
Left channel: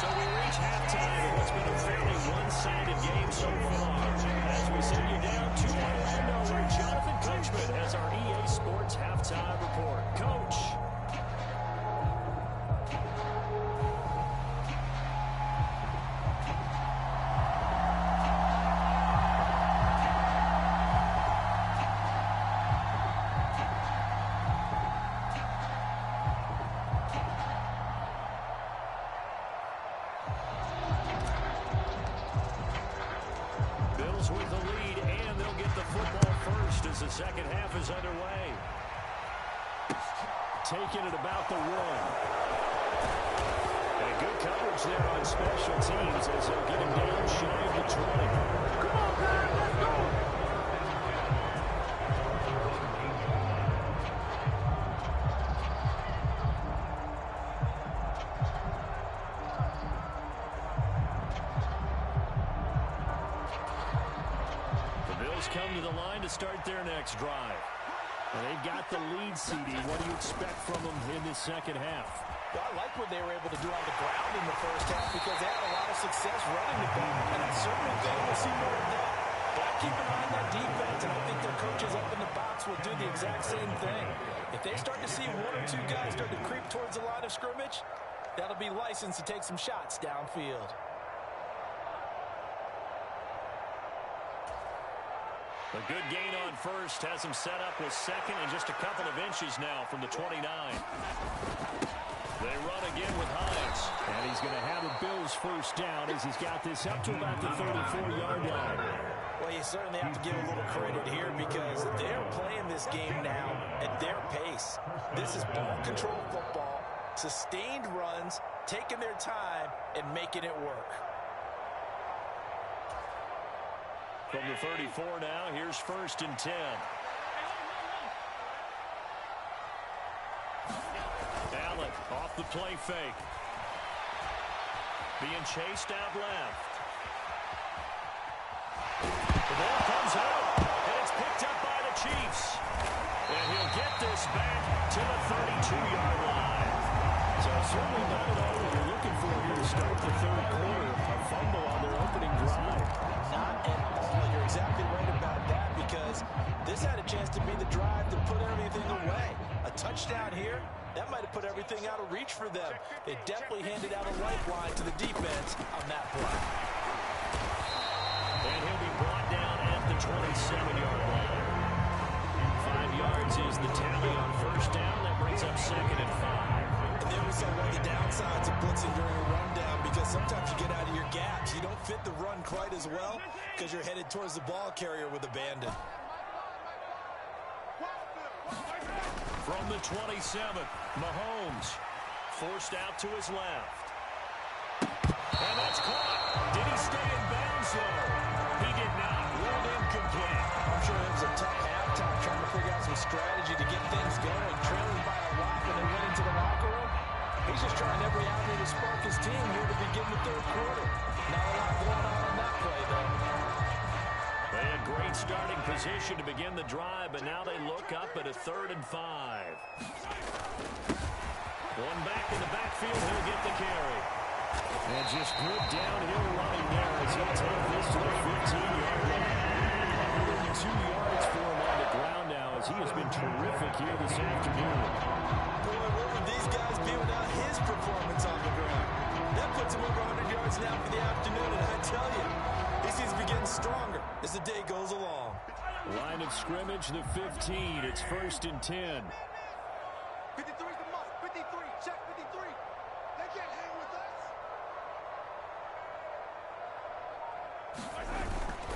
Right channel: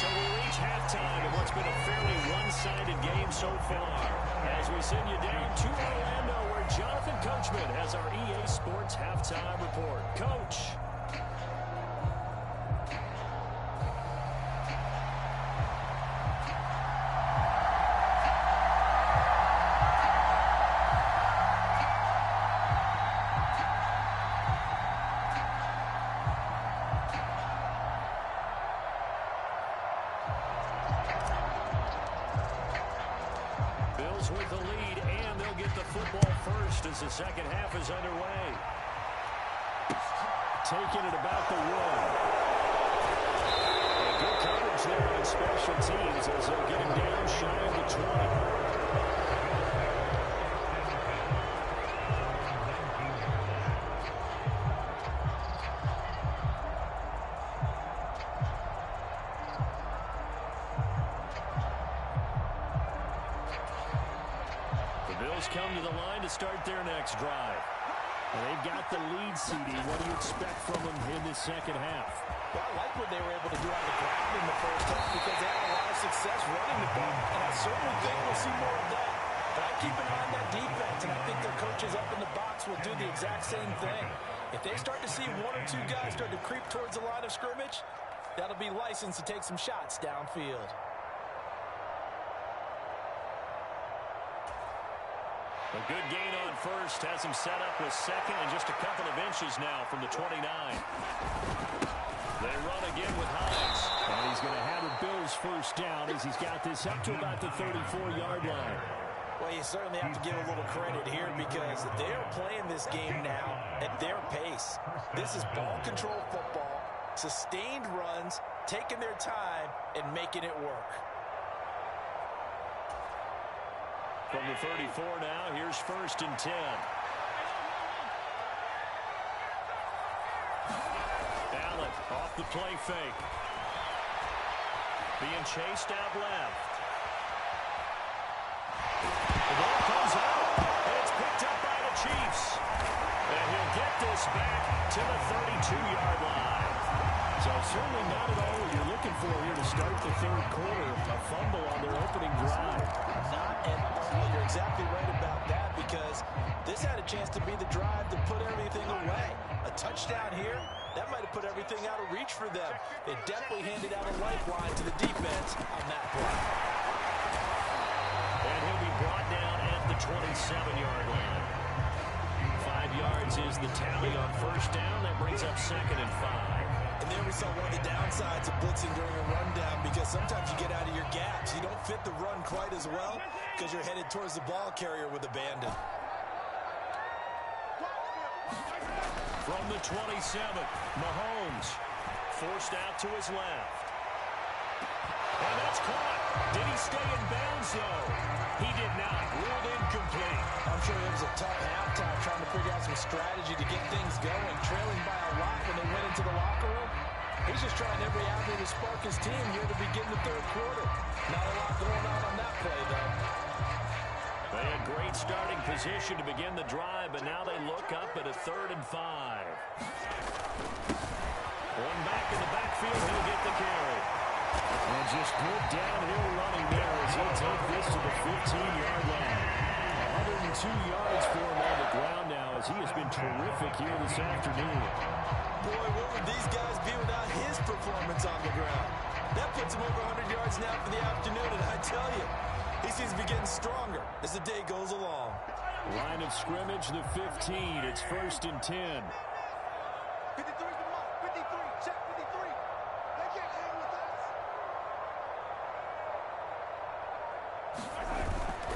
So we reach halftime in what's been a fairly one-sided game so far. As we send you down to Orlando where Jonathan Coachman has our EA Sports Halftime Report. Coach. With the lead, and they'll get the football first as the second half is underway. Taking it about the 1. And good coverage there on special teams as they'll get him down shy of the 20. Come to the line to start their next drive. And they've got the lead, CD. What do you expect from them in this second half? Well, I like what they were able to do on the ground in the first half because they had a lot of success running the ball, and I certainly think we'll see more of that. But I keep an eye on that defense, and I think their coaches up in the box will do the exact same thing. If they start to see one or two guys start to creep towards the line of scrimmage, that'll be licensed to take some shots downfield. A good gain on first has him set up with second and just a couple of inches now from the 29. They run again with Hines. And he's going to have a Bills first down as he's got this up to about the 34-yard line. Well, you certainly have to give a little credit here because they're playing this game now at their pace. This is ball control football, sustained runs, taking their time, and making it work. From the 34 now, here's 1st and 10. Allen off the play fake. Being chased out left. The ball comes out, and it's picked up by the Chiefs. And he'll get this back to the 32-yard line. So certainly not at all what you're looking for here to start the third quarter. A fumble on their opening drive. Not at all. You're exactly right about that because this had a chance to be the drive to put everything away. A touchdown here, that might have put everything out of reach for them. They definitely handed out a lifeline to the defense on that play. And he'll be brought down at the 27-yard line. 5 yards is the tally on first down. That brings up 2nd and 5. And there we saw one of the downsides of blitzing during a rundown because sometimes you get out of your gaps. You don't fit the run quite as well because you're headed towards the ball carrier with abandon. From the 27, Mahomes forced out to his left. And that's caught. Did he stay in bounds, though? He did not. Ruled incomplete. I'm sure it was a tough halftime trying to figure out some strategy to get things going. Trailing by a lot when they went into the locker room. He's just trying every avenue to spark his team here to begin the third quarter. Not a lot going on that play, though. They had great starting position to begin the drive, but now they look up at a 3rd and 5. One back in the backfield. He'll get the carry. And just good downhill running there as he'll take this to the 15-yard line. 102 yards for him on the ground now as he has been terrific here this afternoon. Boy, where would these guys be without his performance on the ground? That puts him over 100 yards now for the afternoon, and I tell you, he seems to be getting stronger as the day goes along. Line of scrimmage, the 15. It's 1st and 10. 53's the mark. 53. Check 53. They can't hang with us.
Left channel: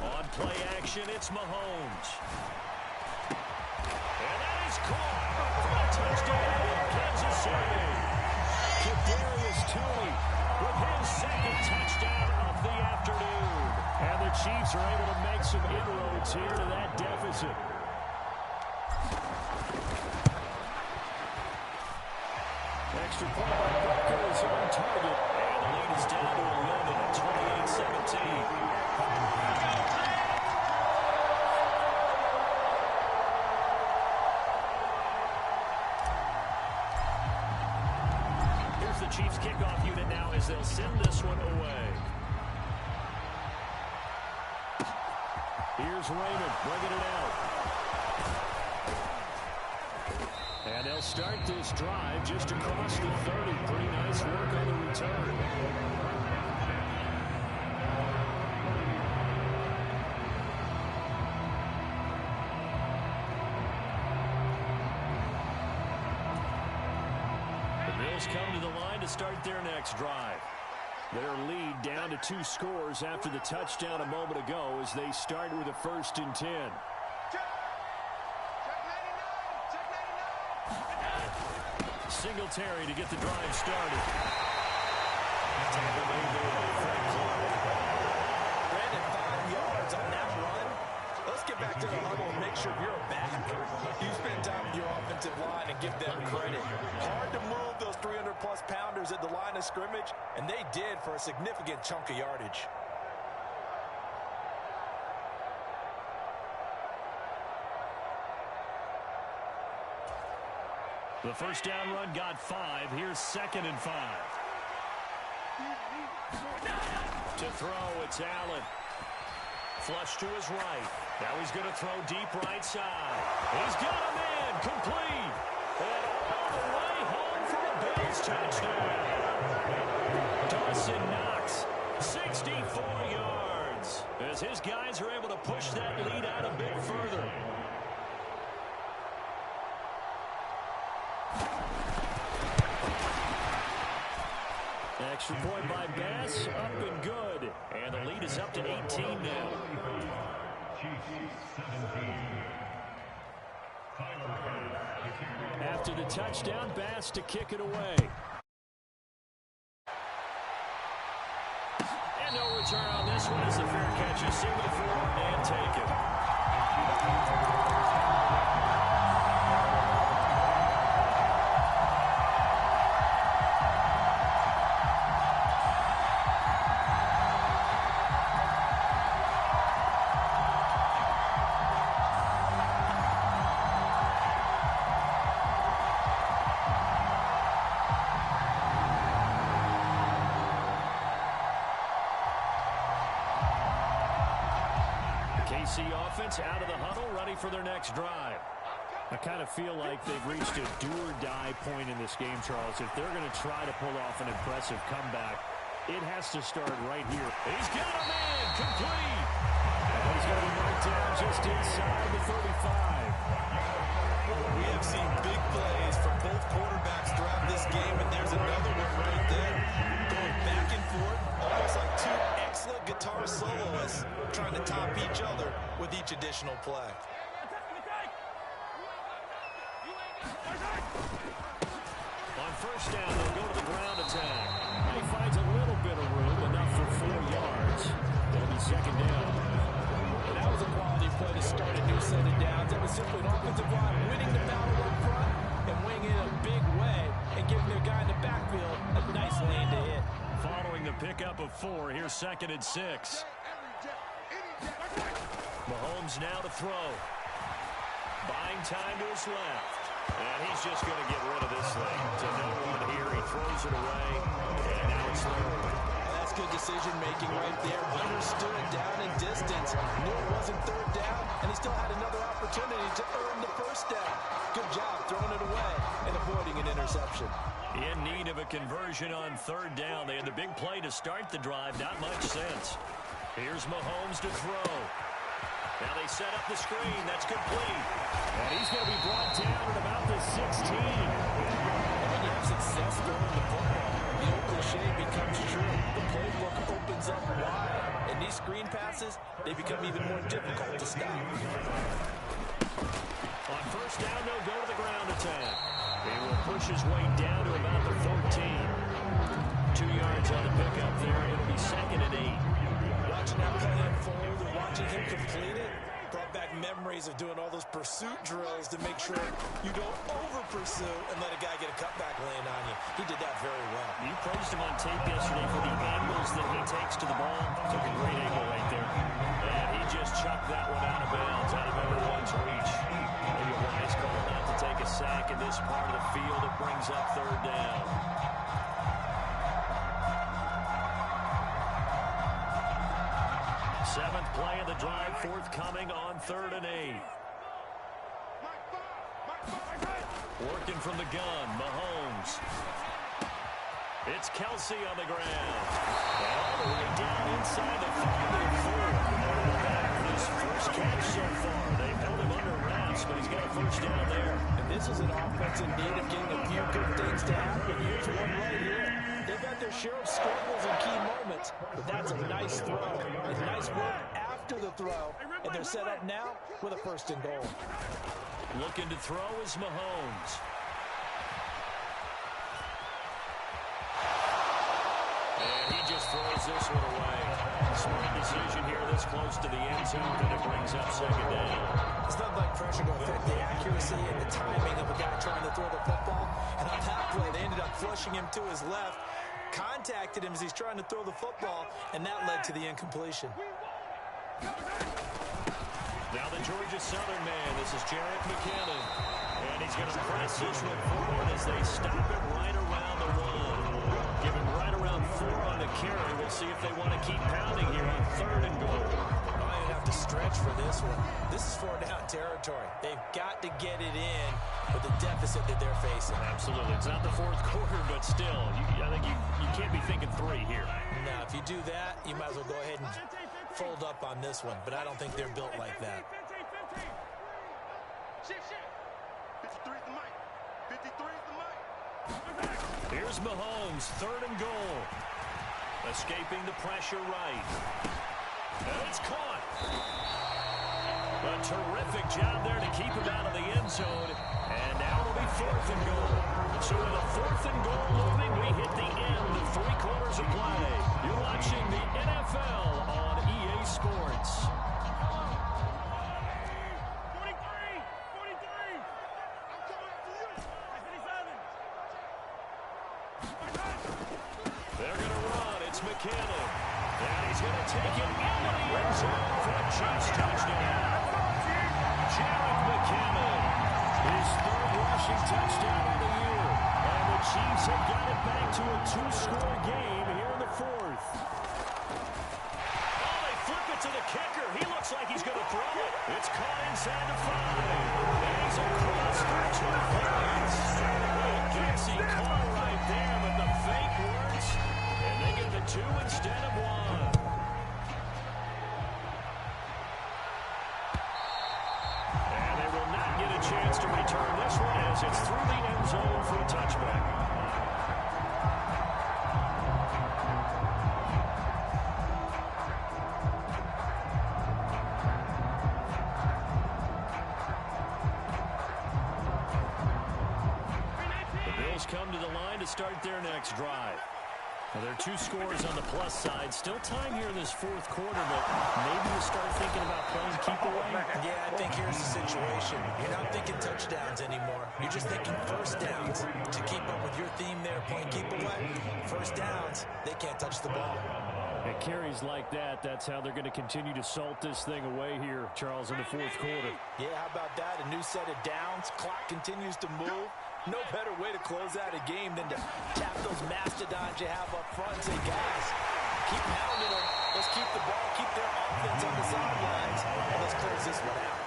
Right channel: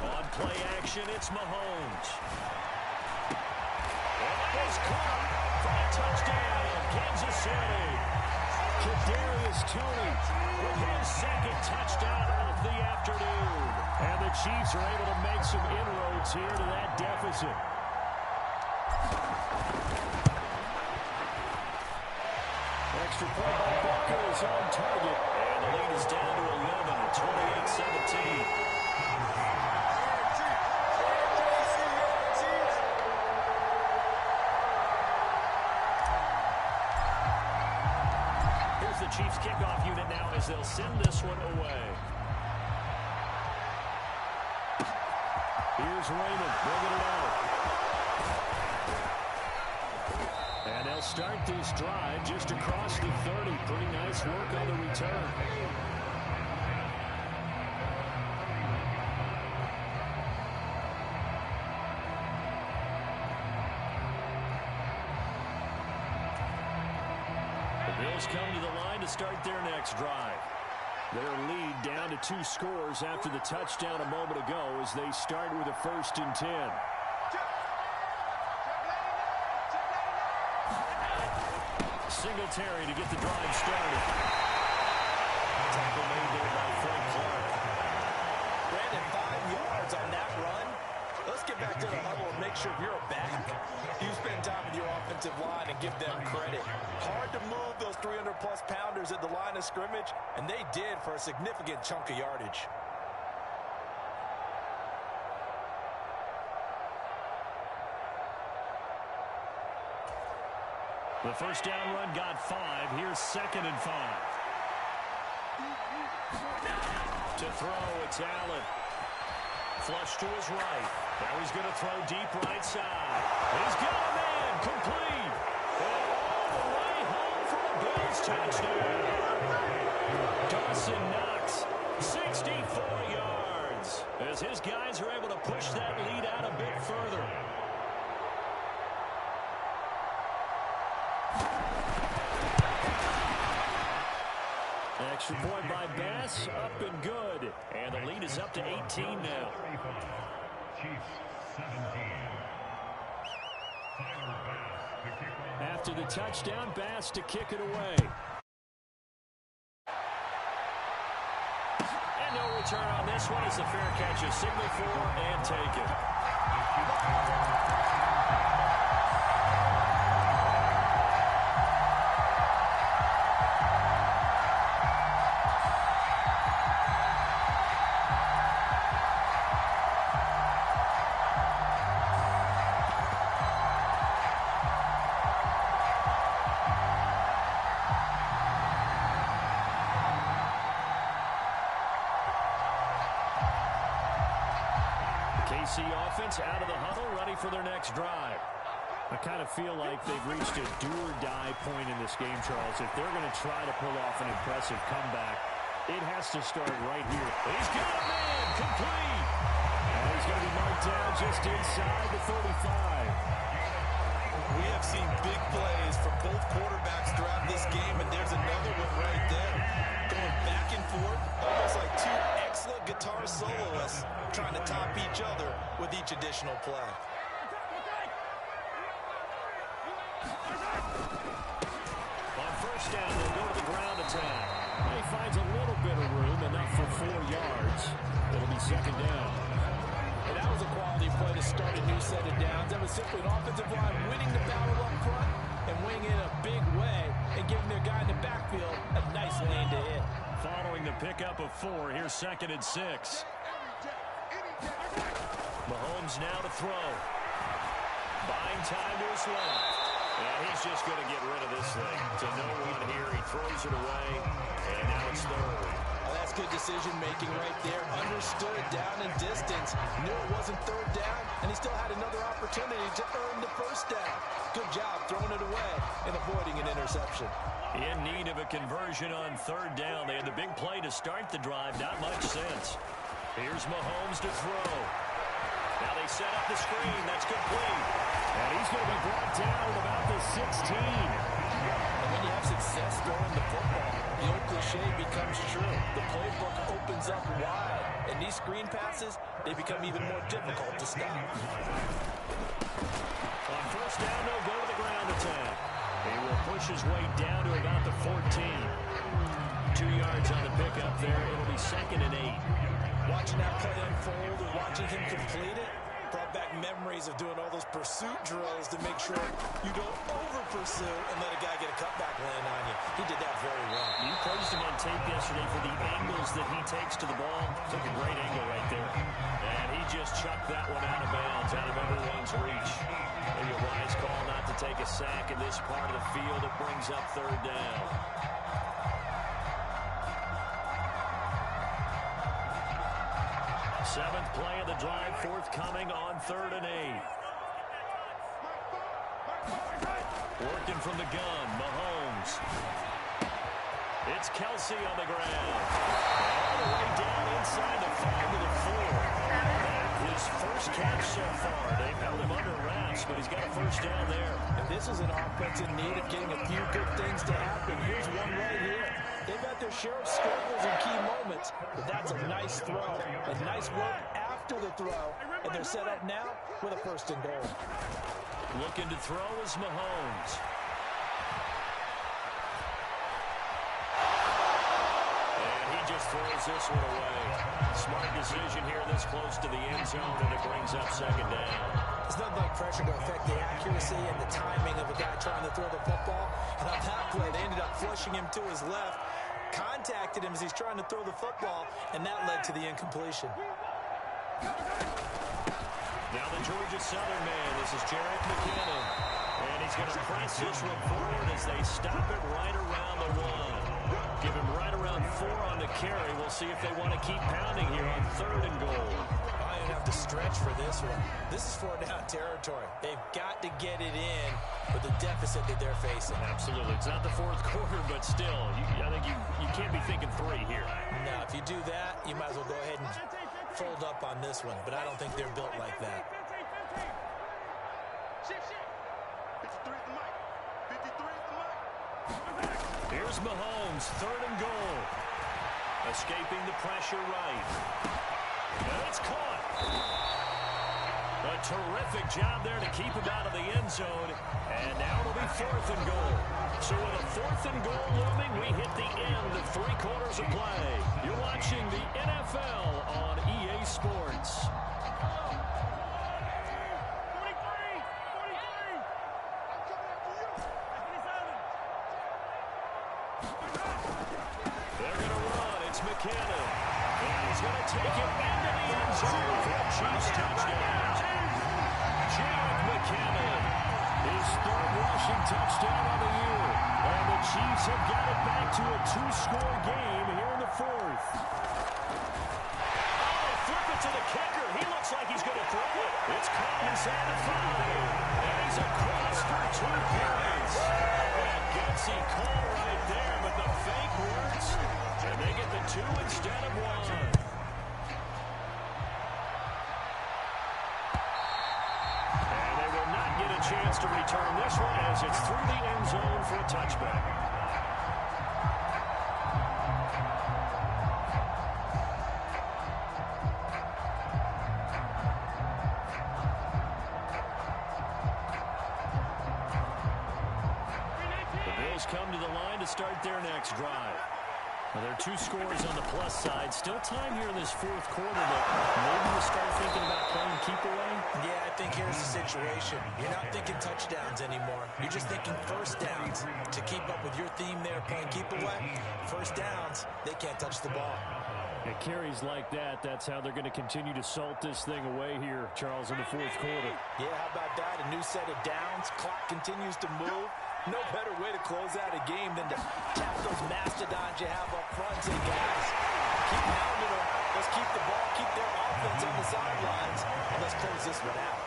On play action, it's Mahomes. And that is caught for a touchdown, Kansas City. Kadarius Toney with his second touchdown of the afternoon. And the Chiefs are able to make some inroads here to that deficit. Extra point by Booker is on target. And the lead is down to 11 at 28-17. Here's the Chiefs kickoff unit now as they'll send this one away. Here's Raymond bringing it out. And they'll start this drive just across the 30. Pretty nice work on the return. The Bills come to the line to start their next drive. Their lead down to 2 scores after the touchdown a moment ago as they start with a 1st and 10. Singletary to get the drive started. Tackle made there by Frank Clark. Brandon, 5 yards on that run. Let's get back to the huddle and make sure you're back. You spend time with your offensive line and give them credit. Hard to move those 300-plus pounders at the line of scrimmage, and they did for a significant chunk of yardage. The first down run got 5. Here's 2nd and 5. To throw, it's Allen. Flush to his right. Now he's going to throw deep right side. He's got a man complete. And all the way home for a Bills touchdown. Dawson Knox, 64 yards. As his guys are able to push that lead out a bit further. Extra point by Bass, up and good. And the lead is up to 18 now. After the touchdown, Bass to kick it away. And no return on this one as the fair catch is signaled for and taken. KC offense out of the huddle, ready for their next drive. I kind of feel like they've reached a do-or-die point in this game, Charles. If they're going to try to pull off an impressive comeback, it has to start right here. He's got a man complete. And he's going to be marked down just inside the 35. We have seen big plays from both quarterbacks throughout this game, and there's another one right there. Going back and forth, almost like 2 excellent guitar soloists trying to top each other with each additional play. On first down, they'll go to the ground attack. And he finds a little bit of room, enough for 4 yards. It'll be 2nd down. And that was a quality play to start a new set of downs. That was simply an offensive line winning the battle up front and winning it in a big way and giving their guy in the backfield a nice lane to hit. Following the pickup of 4, here's 2nd and 6. Mahomes now to throw. Buying time to his left. And he's just going to get rid of this thing. To no one here. He throws it away, and now it's third. Well, that's good decision-making right there. Understood down and distance. Knew it wasn't third down, and he still had another opportunity to earn the first down. Good job throwing it away and avoiding an interception. In need of a conversion on third down. They had the big play to start the drive. Not much sense. Here's Mahomes to throw. Now they set up the screen. That's complete. And he's going to be brought down at about the 16. And when you have success throwing the football, the old cliche becomes true. The playbook opens up wide. And these screen passes, they become even more difficult to stop. On first down, they'll go to the ground attack. He will push his way down to about the 14. 2 yards on the pickup there. It'll be 2nd and 8. Watching that play unfold and watching him complete it brought back memories of doing all those pursuit drills to make sure you don't over-pursue and let a guy get a cutback land on you. He did that very well. You praised him on tape yesterday for the angles that he takes to the ball. Took a great angle right there. And he just chucked that one out of bounds, out of everyone's reach. Maybe a wise call not to take a sack in this part of the field. It brings up third down. Seventh play of the drive, forthcoming on 3rd and 8. Working from the gun, Mahomes. It's Kelsey on the ground. And all the way down inside the 5 to the 4. That his first catch so far. They've held him under wraps, but he's got a first down there. And this is an offense in need of getting a few good things to happen. Here's one right here. They've got their share of struggles in key moments, but that's a nice throw. A nice work after the throw, and they're set up now with a 1st and goal. Looking to throw is Mahomes. And he just throws this one away. Smart decision here this close to the end zone, and it brings up 2nd down. It's nothing like pressure to affect the accuracy and the timing of a guy trying to throw the football. And on that play, they ended up flushing him to his left, contacted him as he's trying to throw the football, and that led to the incompletion. Now the Georgia Southern man, this is Jerick McKinnon. And he's going to press this one forward as they stop it right around the 1. Give him right around 4 on the carry. We'll see if they want to keep pounding here on 3rd and goal. I don't have to stretch for this one. This is 4-down territory. They've got to get it in with the deficit that they're facing. Absolutely. It's not the 4th quarter, but still, I think you can't be thinking 3 here. Now, if you do that, you might as well go ahead and fold up on this one. But I don't think they're built like that. Shift. 53 is the mic. 53 is the mic. Here's Mahomes, 3rd and goal. Escaping the pressure right. And it's caught. A terrific job there to keep him out of the end zone. And now it'll be 4th and goal. So with a 4th and goal looming, we hit the end of 3 quarters of play. You're watching the NFL on EA Sports. 43. I'm coming after you. 57. They're going to run. It's McKinnon. And he's going to take it into the end zone for a Chiefs touchdown. Jerick McKinnon, his 3rd rushing touchdown on the year. And the Chiefs have got it back to a 2-score game here in the 4th. Oh, they flip it to the kicker. He looks like he's going to throw it. It's caught inside the 5. And he's across for 2 points. A gutsy call right there, but the fake works. And they get the 2 instead of 1. And they will not get a chance to return this one as it's through the end zone for a touchback. The Bills come to the line to start their next drive. Now, there are 2 scores on the plus side. Still time here in this 4th quarter, but maybe you start thinking about playing keep away? Yeah, I think here's the situation. You're not thinking touchdowns anymore. You're just thinking 1st downs. To keep up with your theme there, playing keep away, 1st downs, they can't touch the ball. At carries like that, that's how they're going to continue to salt this thing away here, Charles, in the fourth quarter. Yeah, how about that? A new set of downs. Clock continues to move. No better way to close out a game than to tap those mastodons you have up front and say, guys, keep pounding them. Let's keep the ball, keep their offense on the sidelines, and let's close this one out.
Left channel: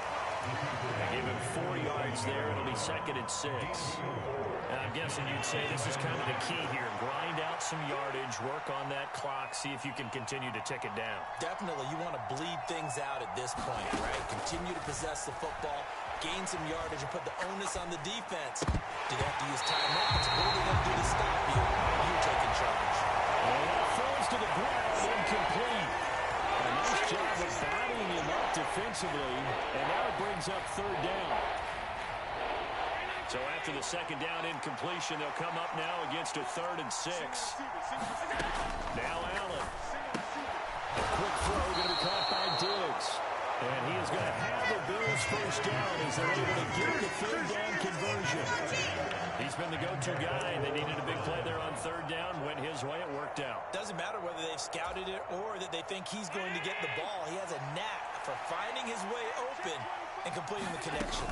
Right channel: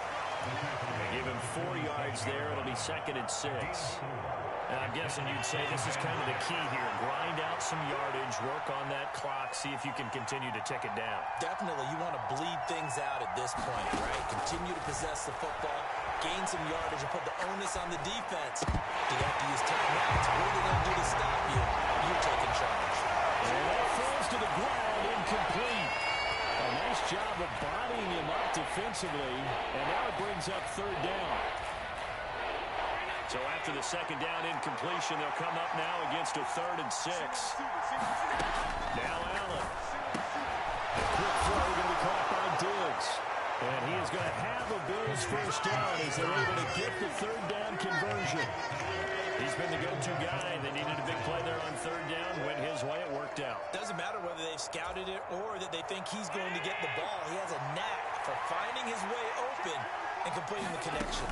They give him 4 yards there. It'll be 2nd and 6. And I'm guessing you'd say this is kind of the key here. Grind out some yardage, work on that clock, see if you can continue to tick it down. Definitely, you want to bleed things out at this point, right? Continue to possess the football, gain some yardage, and put the onus on the defense. Do they have to use timeouts? What are they going to do to stop you? You're taking charge. And that falls to the ground, incomplete. A nice job of bodying him up defensively, and now it brings up 3rd down. So after the 2nd down incompletion, they'll come up now against a 3rd and 6. Now Allen. A quick throw going to be caught by Diggs. And he is going to have a Bills first down as they're able to get the 3rd down conversion. He's been the go-to guy. They needed a big play there on 3rd down. Went his way. It worked out. Doesn't matter whether they've scouted it or that they think he's going to get the ball. He has a knack for finding his way open and completing the connection.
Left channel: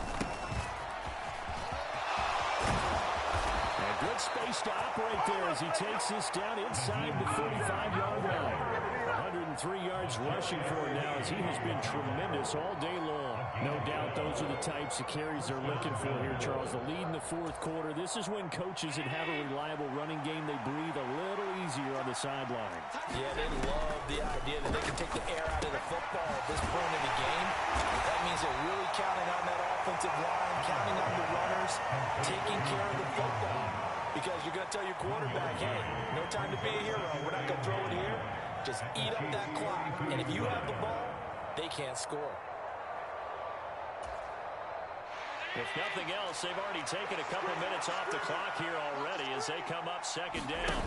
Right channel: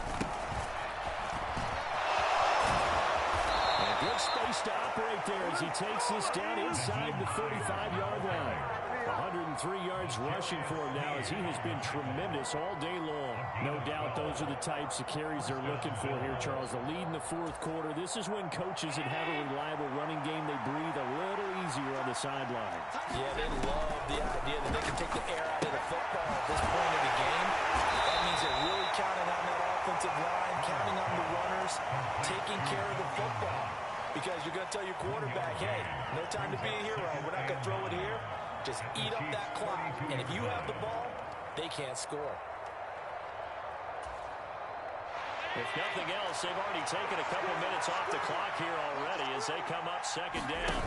And good space to operate there as he takes this down inside the 35-yard line. 103 yards rushing for him now as he has been tremendous all day long. No doubt those are the types of carries they're looking for here, Charles. The lead in the fourth quarter. This is when coaches that have a reliable running game, they breathe a little easier on the sideline. Yeah, they love the idea that they can take the air out of the football at this point of the game. That means they're really counting on that offensive line, counting on the runners, taking care of the football. Because you're going to tell your quarterback, hey, no time to be a hero. We're not going to throw it here. Just eat up that clock. And if you have the ball, they can't score. If nothing else, they've already taken a couple minutes off the clock here already as they come up 2nd down.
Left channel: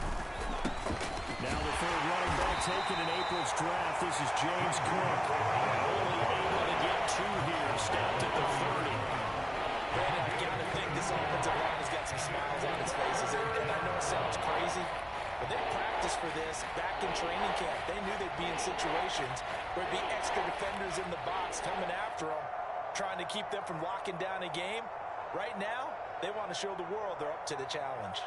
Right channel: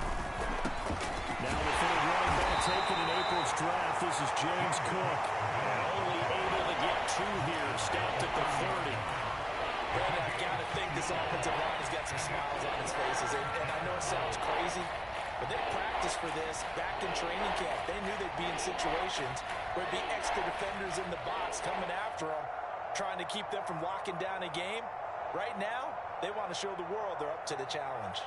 Now the 3rd running back taken in April's draft. This is James Cook. And only able to get 2 here. Stopped at the 30. Brandon, I've got to think this offensive line has got some smiles on its faces. And I know it sounds crazy, but they practiced for this back in training camp. They knew they'd be in situations where it'd be extra defenders in the box coming after them, trying to keep them from locking down a game. Right now, they want to show the world they're up to the challenge.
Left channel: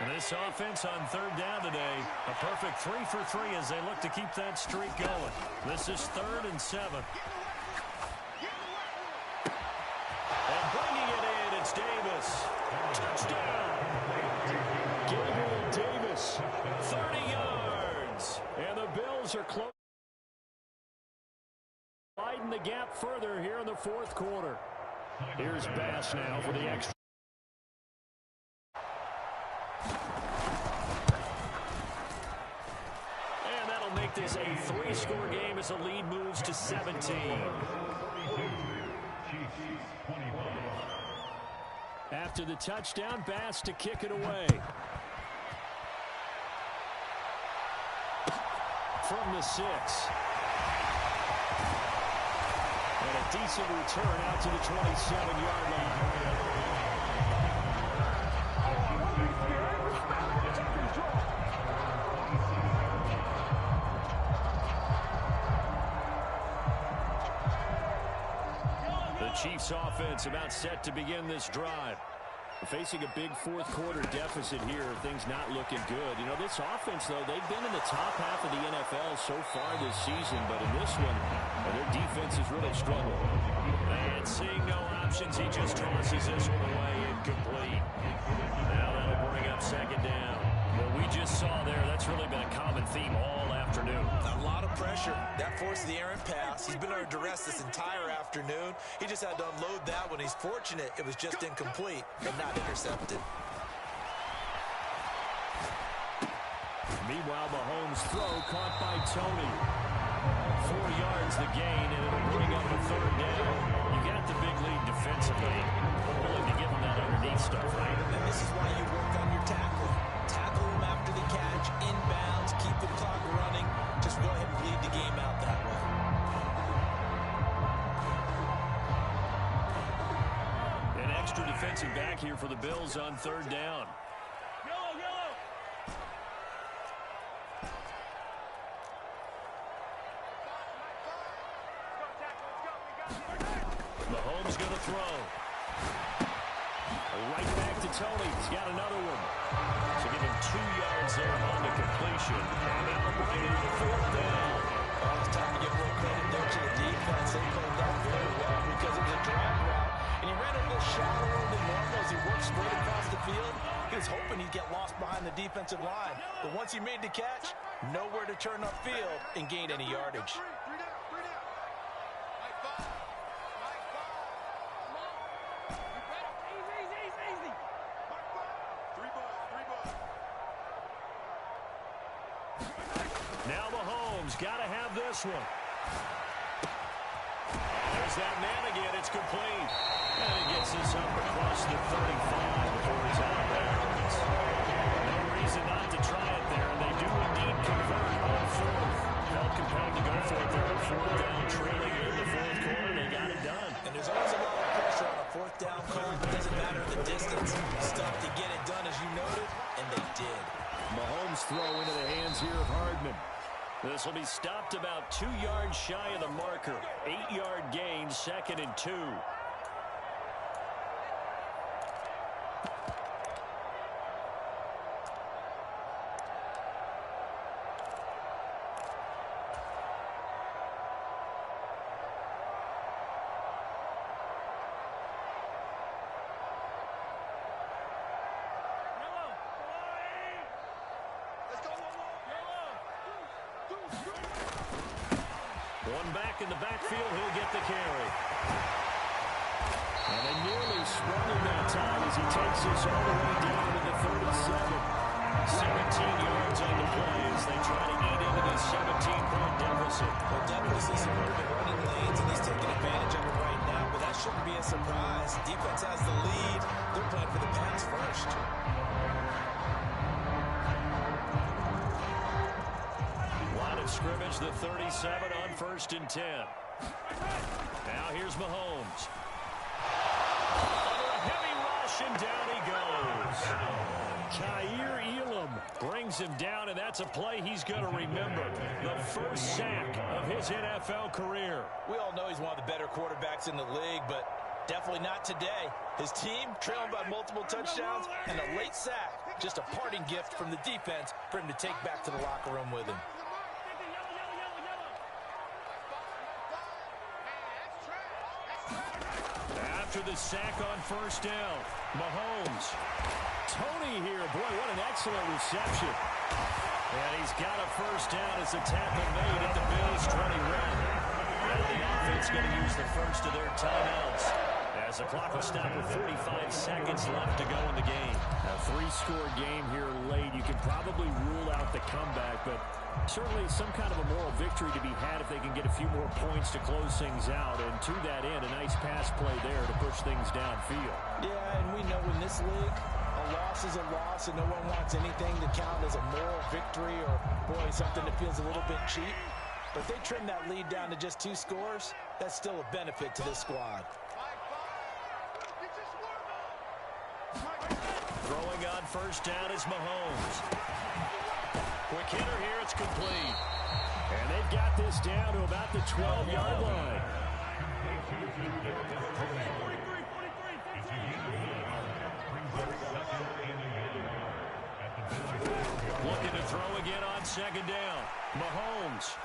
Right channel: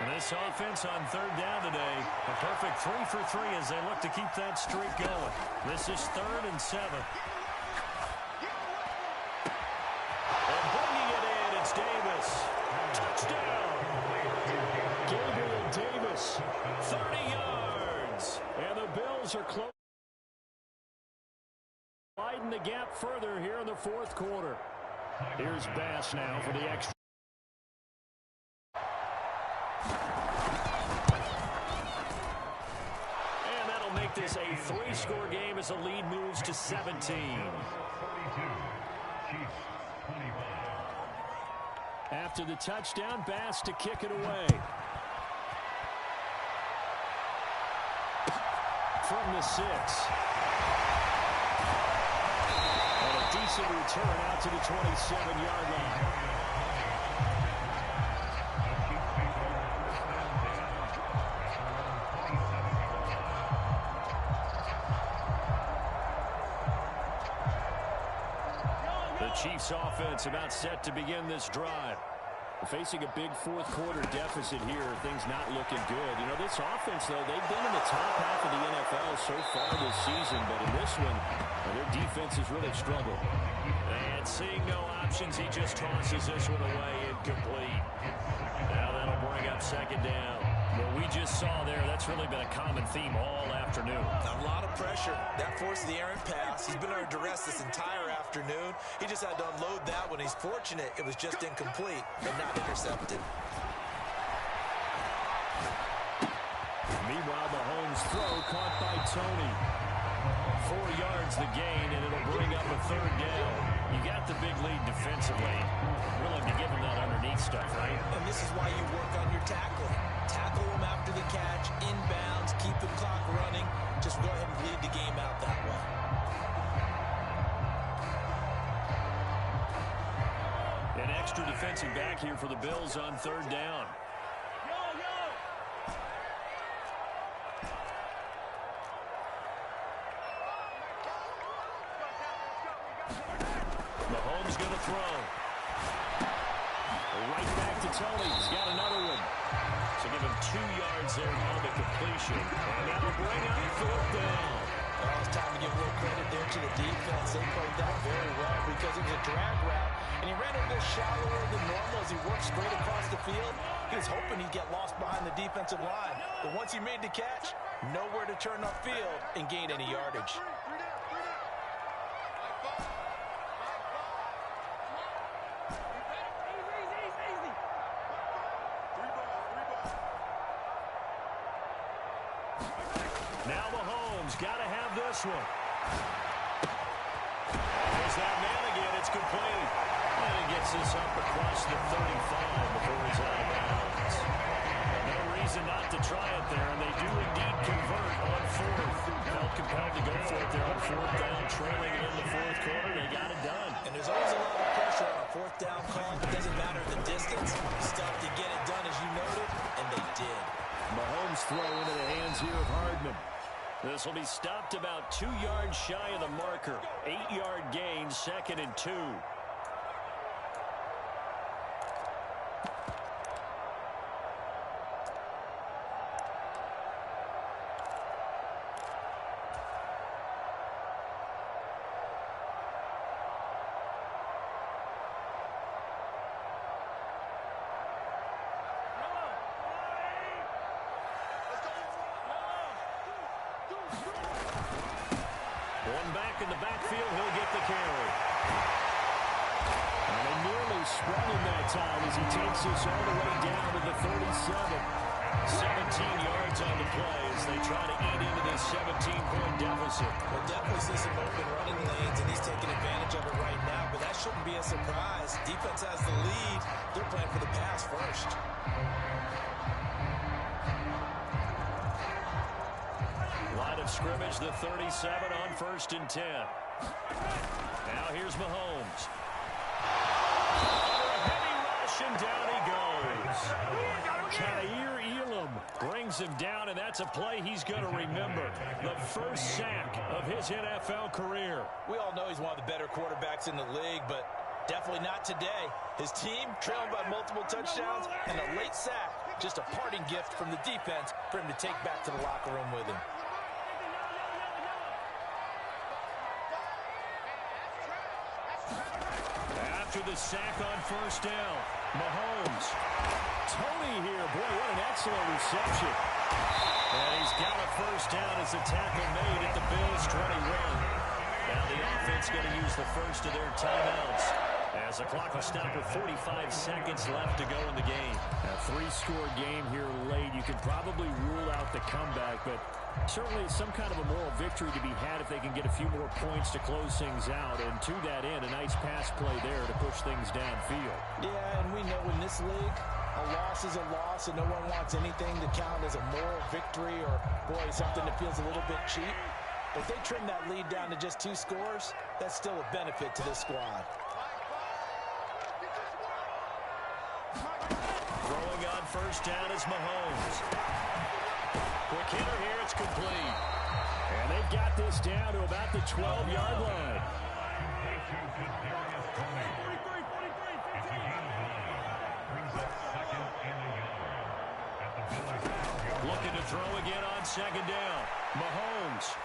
And this offense on 3rd down today, a perfect 3 for 3 as they look to keep that streak going. This is 3rd and 7. And bringing it in, it's Davis. Touchdown! Gabriel Davis, 30 yards. And the Bills are close. Widen the gap further here in the fourth quarter. Here's Bass now for the extra. And that'll make this a 3-score game as the lead moves to 17. After the touchdown, Bass to kick it away. From the 6. And a decent return out to the 27-yard line. The Chiefs offense about set to begin this drive. Facing a big fourth quarter deficit here, things not looking good. You know, this offense, though, they've been in the top half of the NFL so far this season, but in this one, their defense has really struggled. And seeing no options, he just tosses this one away, incomplete. Now that'll bring up 2nd down. What we just saw there, that's really been a common theme all afternoon. A lot of pressure. That forced the errant pass. He's been under duress this entire afternoon. He just had to unload that one. He's fortunate it was just incomplete and not intercepted. Meanwhile, Mahomes' throw caught by Tony. 4 yards the gain, and it'll bring up a 3rd down. You got the big lead defensively. Willing to give him that underneath stuff, right? And this is why you work on your tackling. Tackle them after the catch, inbounds, keep the clock running. Just go ahead and bleed the game out that way. An extra defensive back here for the Bills on 3rd down. Mahomes going to throw. Right back to Tony. He's got another one. So give him 2 yards there on the completion. And that'll bring up 4th down. Well, it's time to give a little credit there to the defense. They played that very well because it was a drag route, and he ran a little shallower than normal as he worked straight across the field. He was hoping he'd get lost behind the defensive line. But once he made the catch, nowhere to turn upfield and gain any yardage. Three down. Mike 5. Mike 5. Come on. You better. Easy. Mike 5. 3 buzz. Now Mahomes got to have this one. There's that man again. It's complete. And he gets this up across the 35 before he's out of bounds. No reason not to try it there, and they do indeed convert on 4th. Felt compelled to go for it there on 4th down, trailing in the 4th quarter. They got it done. And there's always a lot of pressure on a 4th down call. It doesn't matter the distance. Stuff to get it done, as you noted, and they did. Mahomes throw into the hands here of Hardman. This will be stopped about 2 yards shy of the marker. 8-yard gain, 2nd and 2. One back in the backfield, he'll get the carry. And they nearly sprung him that time as he takes this all the way down to the 37. 17 yards on the play as they try to eat into this 17-point deficit. We'll definitely see some open running lanes, and he's taking advantage of it right now, but that shouldn't be a surprise. Defense has the lead. They're playing for the pass first. Line of scrimmage, the 37 on 1st and 10. Now here's Mahomes. Under a heavy rush, and down he goes. Kaiir Elam brings him down, and that's a play he's going to remember. The first sack of his NFL career. We all know he's one of the better quarterbacks in the league, but definitely not today. His team trailing by multiple touchdowns, and a late sack, just a parting gift from the defense for him to take back to the locker room with him. After the sack on 1st down, Mahomes. Tony here. Boy, what an excellent reception. And he's got a 1st down as the tackle made at the Bills' 21. Now the offense going to use the first of their timeouts as the clock will stop with 45 seconds left to go in the game. A 3-score game here late. You can probably rule out the comeback, but certainly some kind of a moral victory to be had if they can get a few more points to close things out. And to that end, a nice pass play there to push things downfield. Yeah, and we know in this league, a loss is a loss, and no one wants anything to count as a moral victory or, boy, something that feels a little bit cheap. But if they trim that lead down to just 2 scores, that's still a benefit to this squad. Throwing on 1st down is Mahomes. Quick hitter here, it's complete. And they've got this down to about the 12-yard line. Looking to throw again on 2nd down. Mahomes.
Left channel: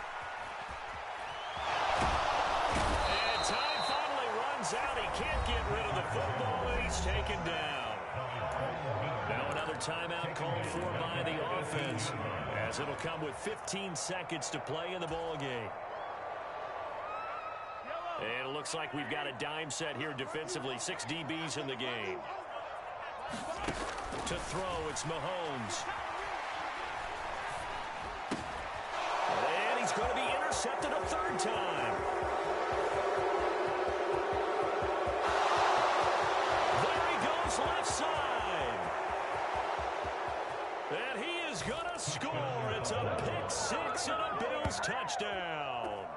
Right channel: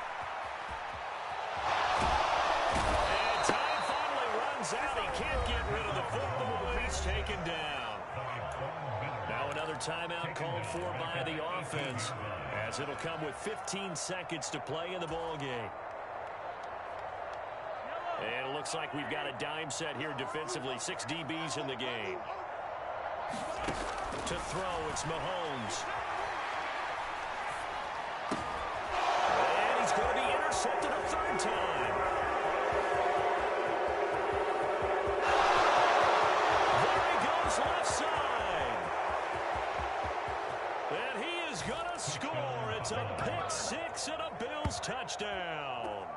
And time finally runs out. He can't get rid of the football, and he's taken down. Now another timeout called for by the offense, as it'll come with 15 seconds to play in the ball game. And it looks like we've got a dime set here defensively. 6 DBs in the game. To throw, it's Mahomes. And he's going to be intercepted a 3rd time. There he goes, left side. And he is going to score. It's a pick-6 and a Bills touchdown.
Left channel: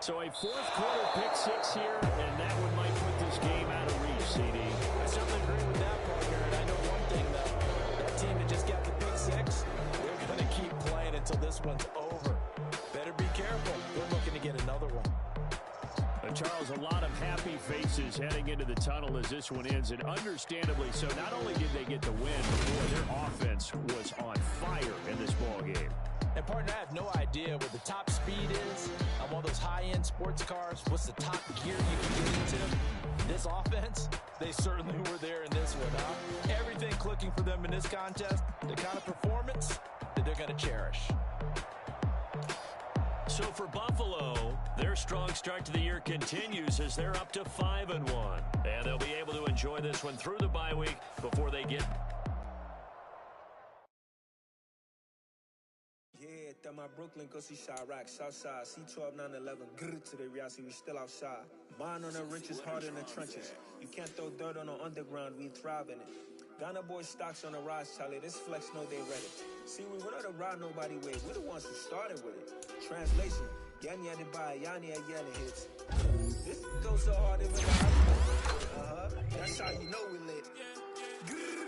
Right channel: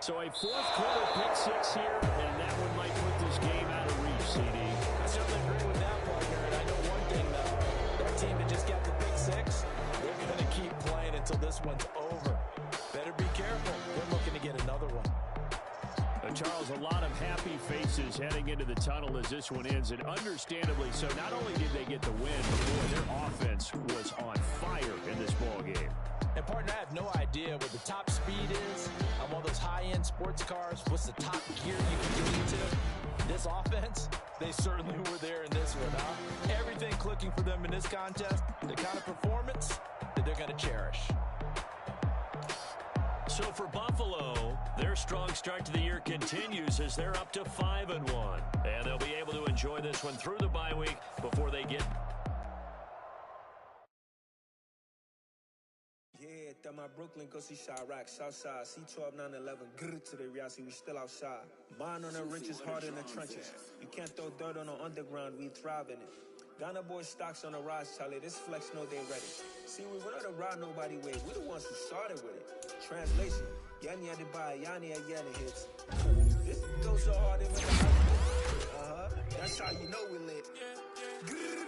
So a 4th quarter pick-6 here, and that one might put this game out of reach, CD. I certainly agree with that, partner. And I know one thing, though. That team that just got the pick-6, they're going to keep playing until this one's over. Better be careful. They're looking to get another one. Charles, a lot of happy faces heading into the tunnel as this one ends, and understandably so. Not only did they get the win, but boy, their offense was on fire in this ball game. And partner, I have no idea what the top speed is on one of those high-end sports cars. What's the top gear you can get into? This offense, they certainly were there in this one, huh? Everything clicking for them in this contest, the kind of performance that they're going to cherish. So for Buffalo, their strong start to the year continues as they're up to 5-1. And they'll be able to enjoy this one through the bye week before they get... Yeah, that my Brooklyn, go see Chirac, Southside, C12, 911, grrr to the reality, we still outside. Mine on the riches, hard in the trenches. You can't throw dirt on the underground, we thrive in it. Ghana boys stocks on the rise, Charlie, this flex know they ready. See, we went on to ride nobody way, we're the ones who started with it. Translation, Yanni had to buy, Yanni had Yanni hits. This goes so hard, even the high school. That's how you know we lit. Grrr.